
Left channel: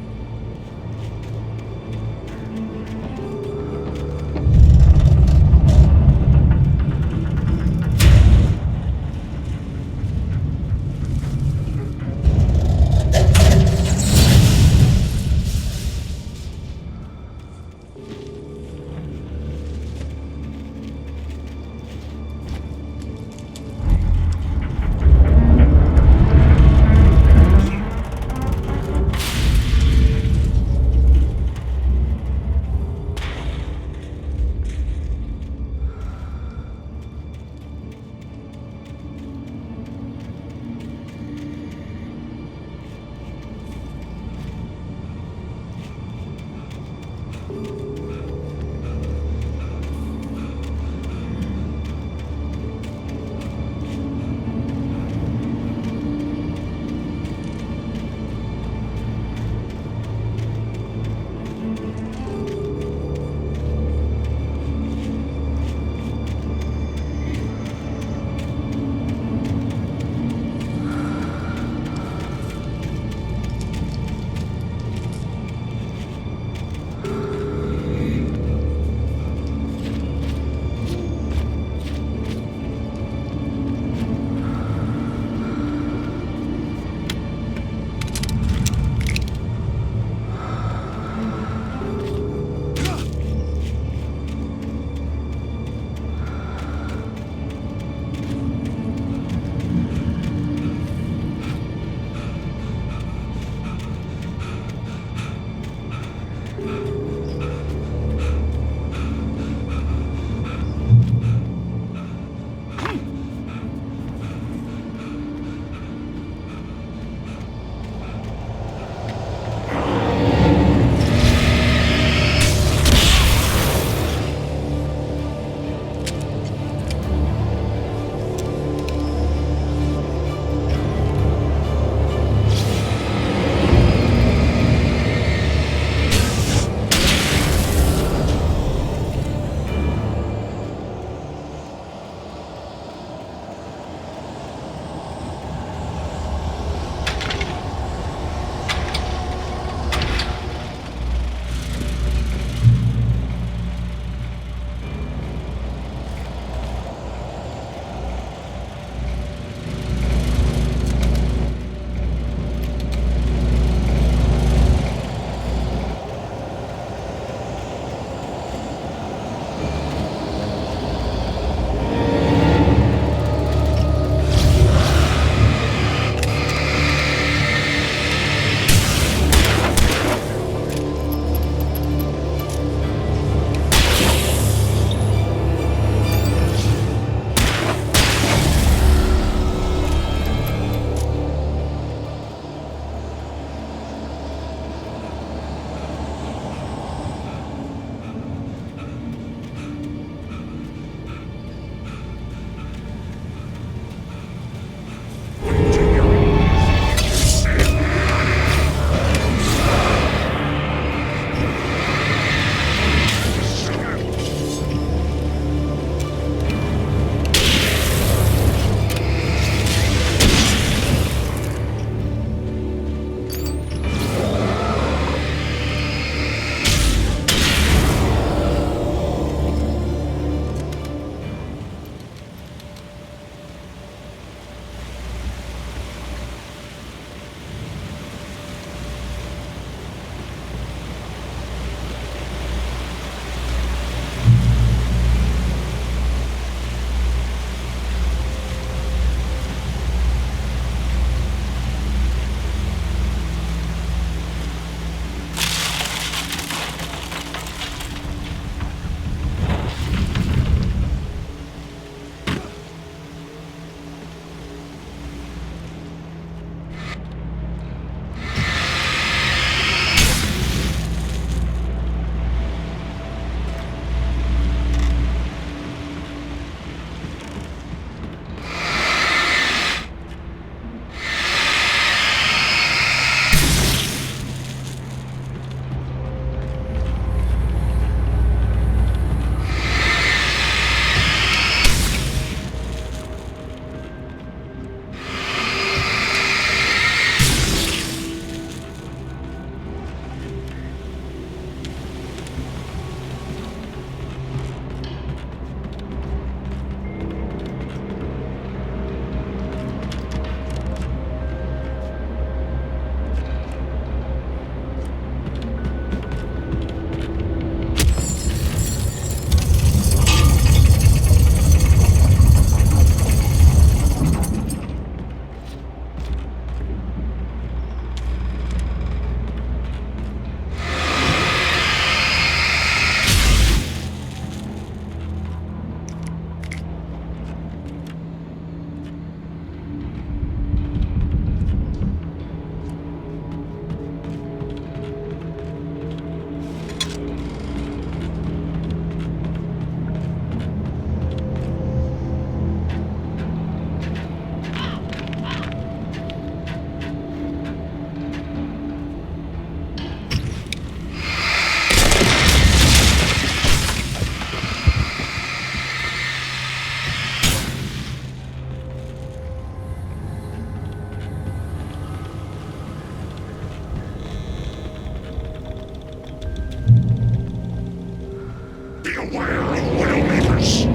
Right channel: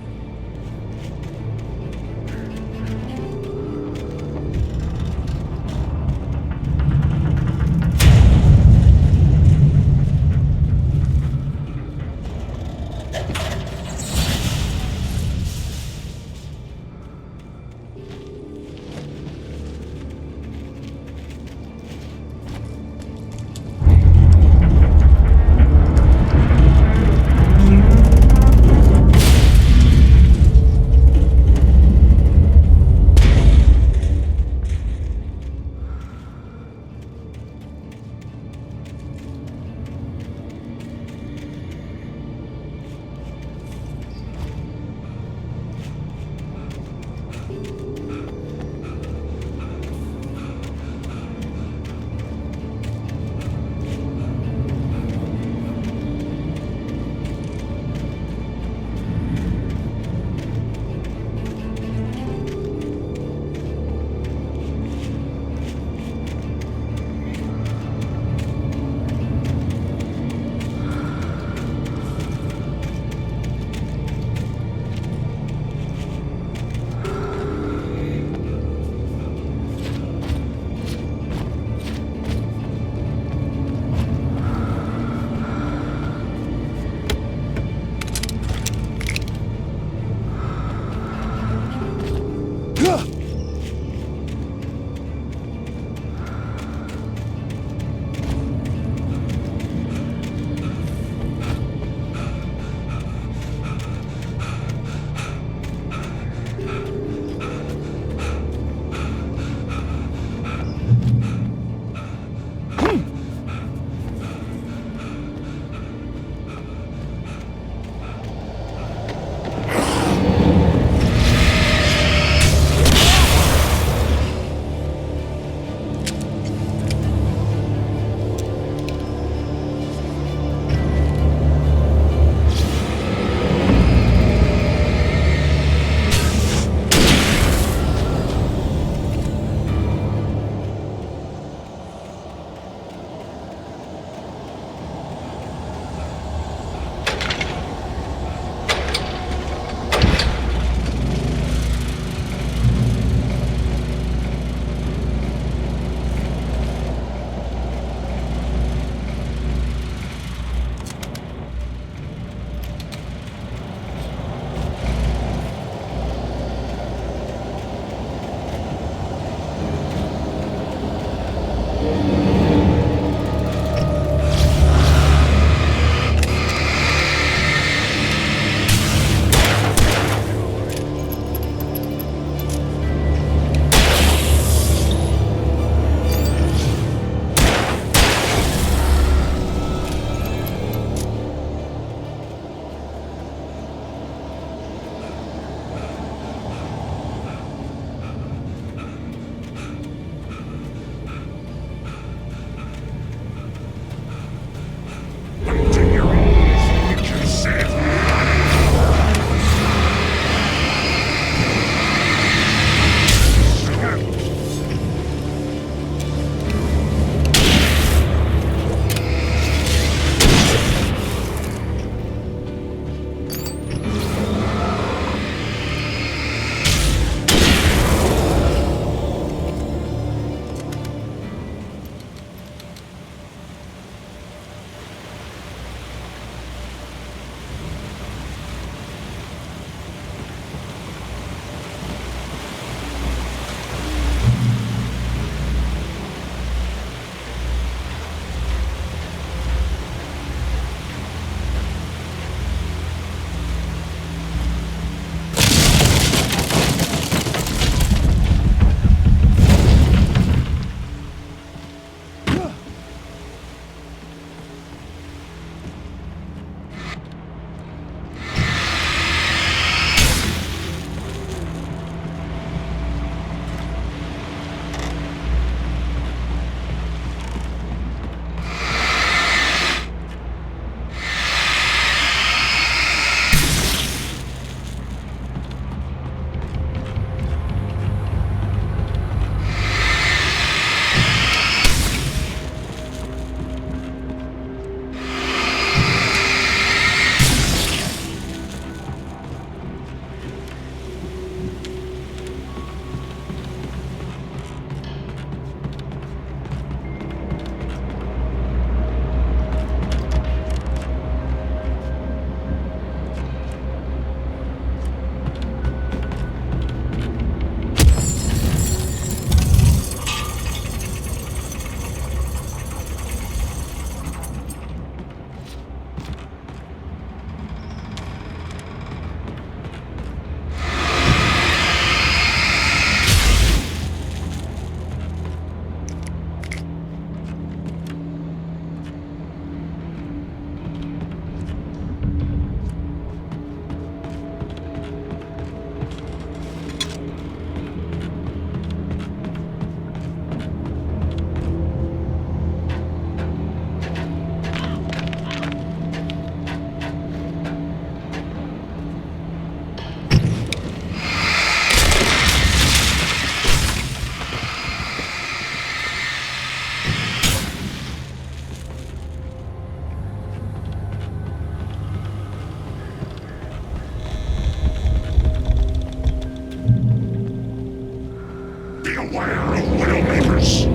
beware of loyal neighbors.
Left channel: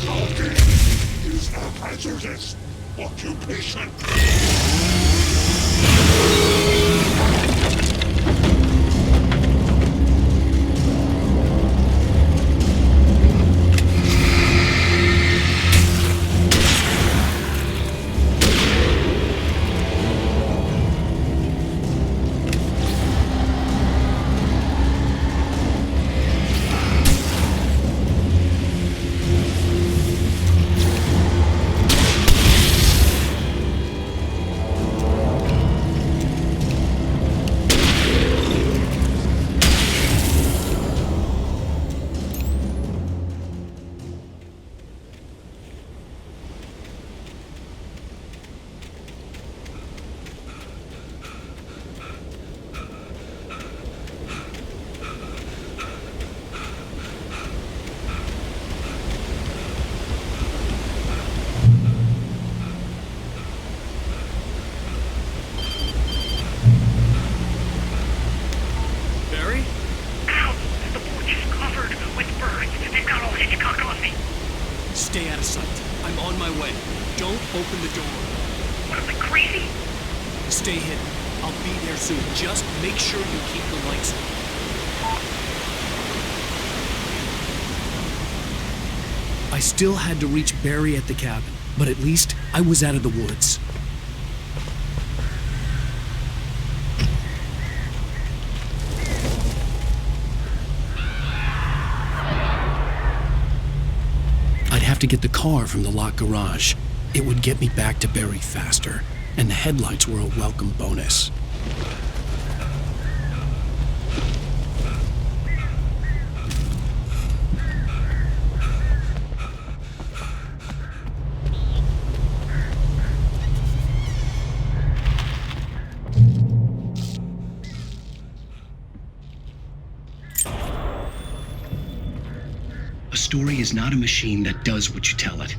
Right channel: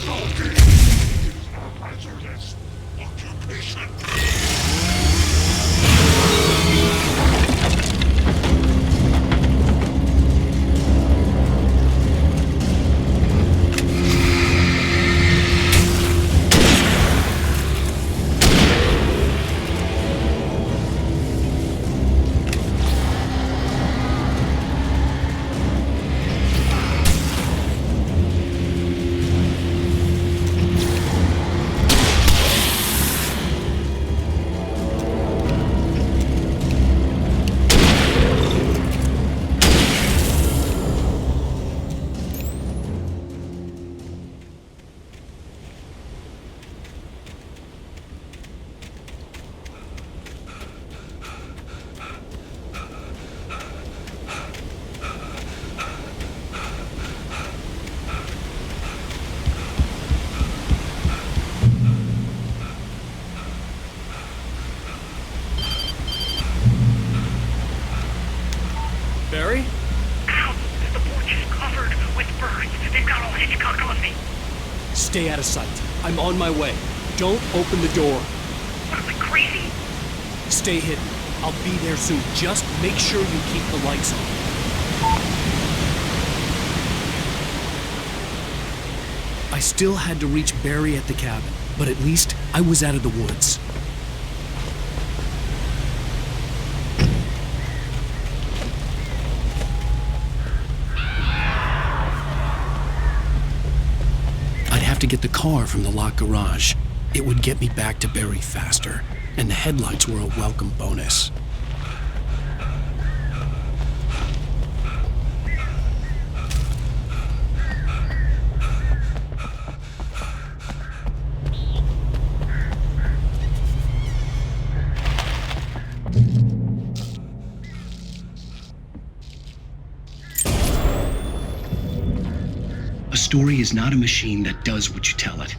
Stalking is a hazardous occupation. Barry? Ow! The porch is covered with birds. They've got all Hitchcock on me. Stay out of sight. I'm on my way. Don't open the door. What, am I crazy? Stay hidden. I'll be there soon. Just make sure you keep the lights on. I still had to reach Barry at the cabin, but at least I was out of the woods. I'd have to get the car from the locked garage. It would get me back to Barry faster, and the headlights were a welcome bonus. A story is not a machine that does what you tell it.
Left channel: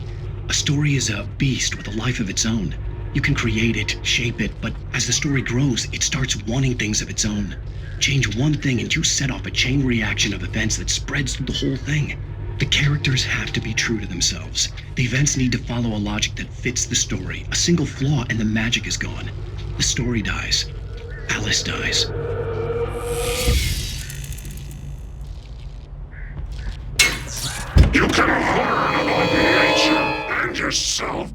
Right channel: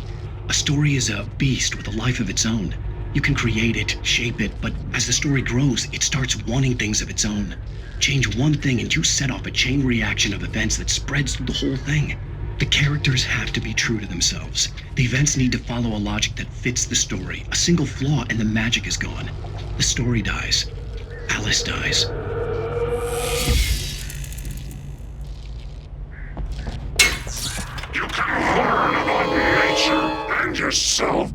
A story is a beast with a life of its own. You can create it, shape it, but as the story grows, it starts wanting things of its own. Change one thing and you set off a chain reaction of events that spreads through the whole thing. The characters have to be true to themselves. The events need to follow a logic that fits the story. A single flaw and the magic is gone. The story dies. Alice dies. You can learn about nature and yourself.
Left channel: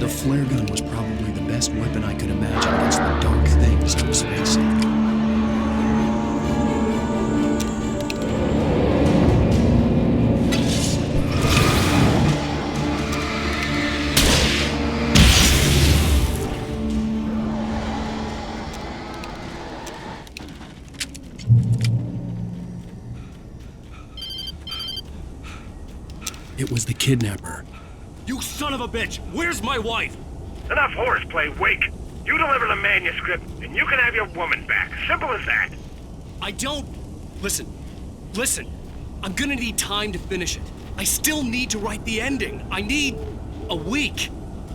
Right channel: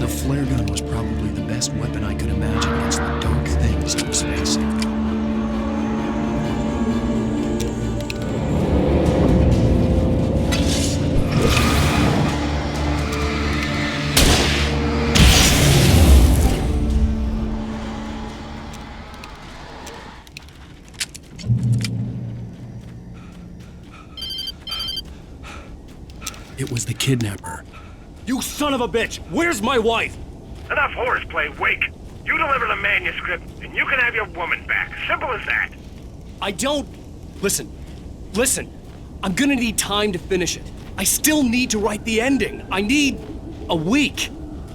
The flare gun was probably the best weapon I could imagine against the dark things I was facing. It was the kidnapper. You son of a bitch! Where's my wife? Enough horseplay, Wake. You deliver the manuscript, and you can have your woman back. Simple as that. I don't... Listen. I'm gonna need time to finish it. I still need to write the ending. I need a week.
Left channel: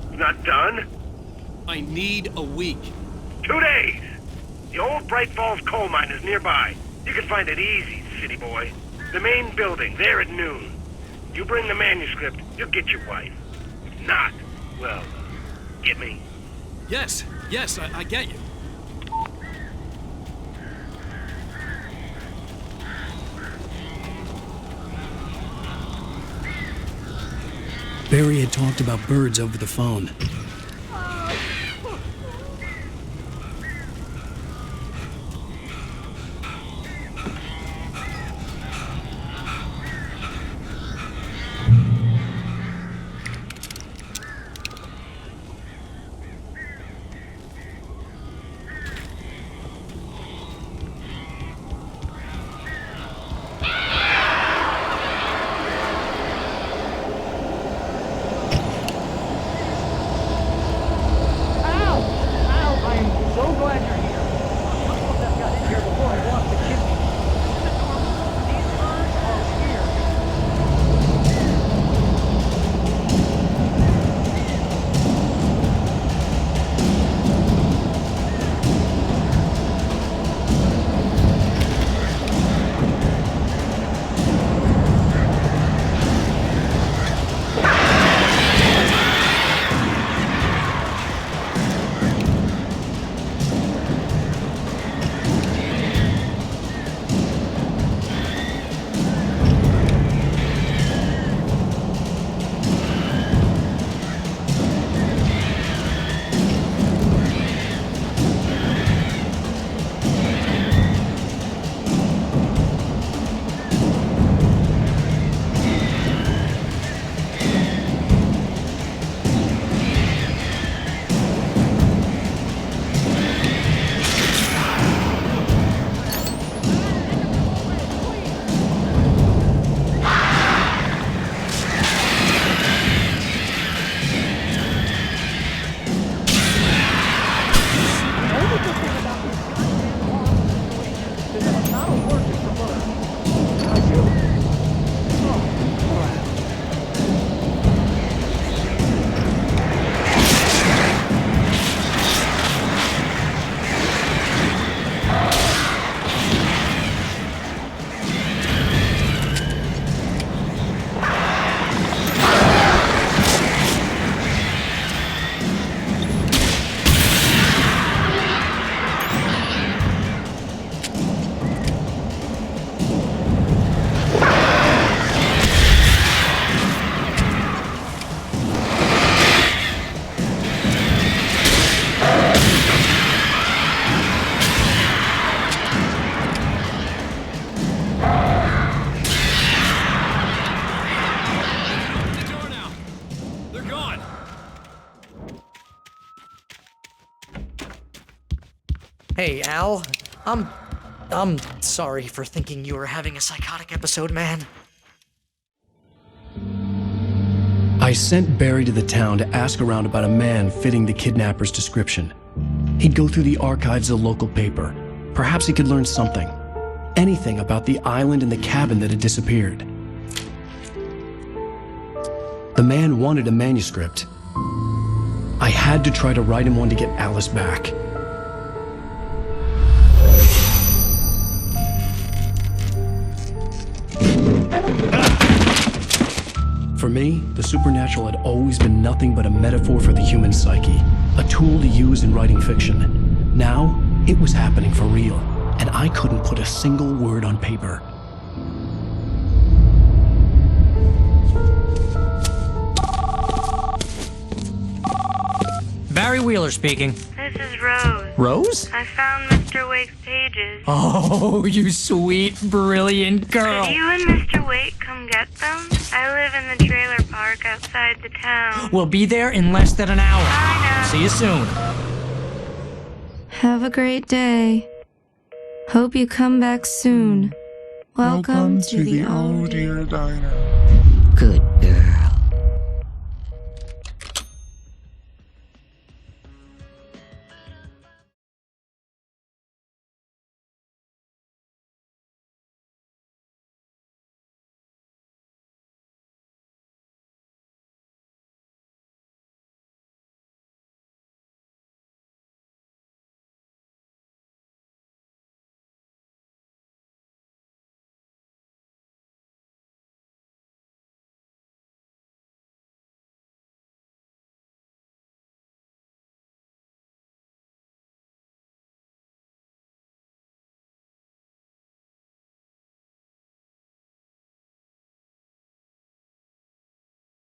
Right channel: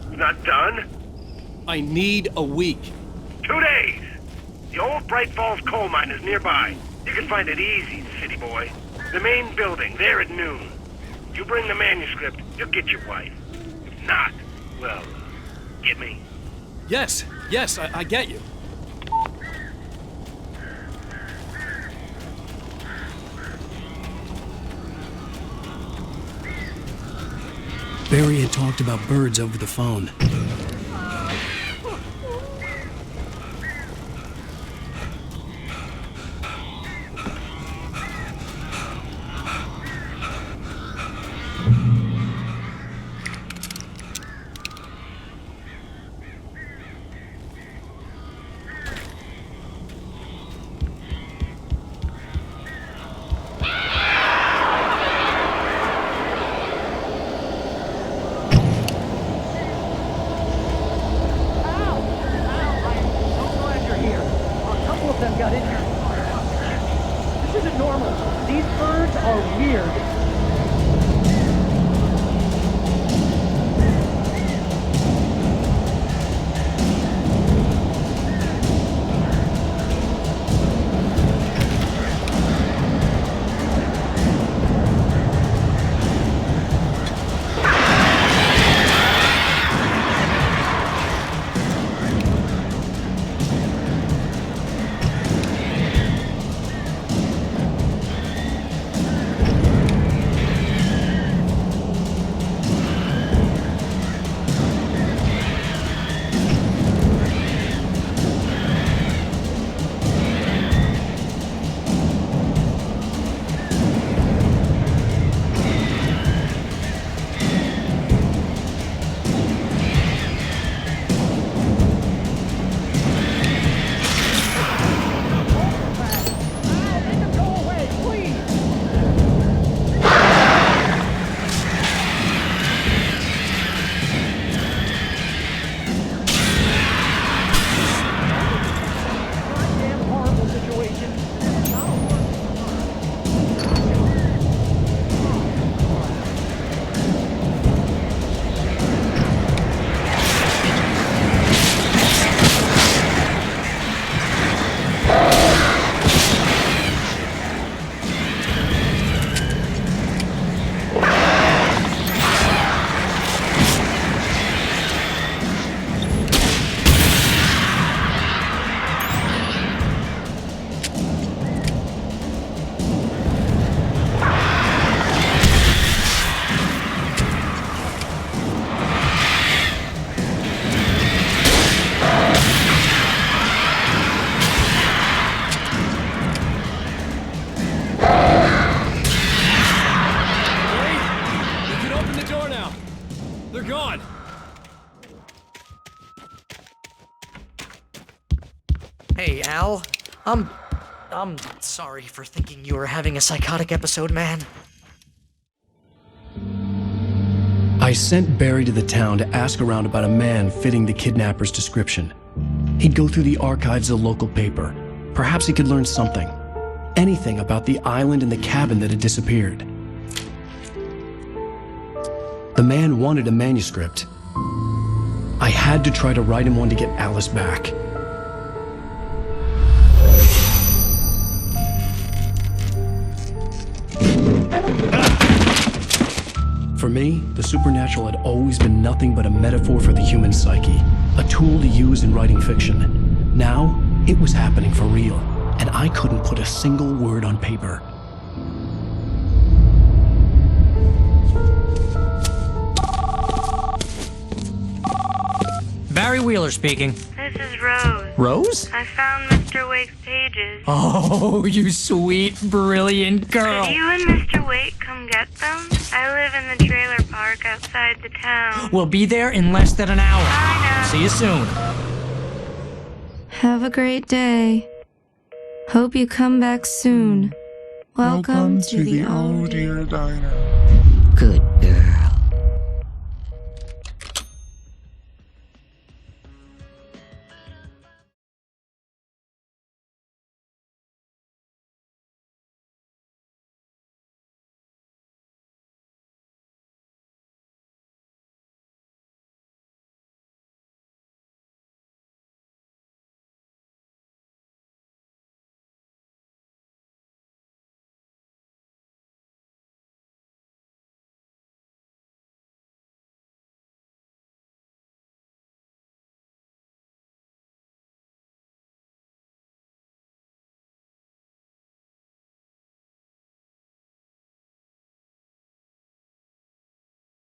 It's not done? I need a week. 2 days. The old Bright Falls coal mine is nearby. You can find it easy, city boy. The main building, there at noon. You bring the manuscript, you'll get your wife. If not, well, get me? Yes, I get you. Barry had talked about birds over the phone. before I block the chimney. This isn't normal. These birds are weird. They're gone! Hey, Al. I'm sorry for thinking you were having a psychotic episode, man. I sent Barry to the town to ask around about a man fitting the kidnapper's description. He'd go through the archives of the local paper. Perhaps he could learn something. Anything about the island and the cabin that had disappeared. The man wanted a manuscript. I had to try to write him one to get Alice back. For me, the supernatural had always been nothing but a metaphor for the human psyche, a tool to use in writing fiction. Now, it was happening for real, and I couldn't put a single word on paper. Barry Wheeler speaking. This is Rose. Rose? I found Mr. Wake's pages. Oh, you sweet, brilliant girl. Could you and Mr. Wake come get them? I live in the trailer park outside the town. We'll be there in less than an hour. Bye now. See you soon. Have a great day. Hope you come back soon. Welcome to the Oh Dear Diner.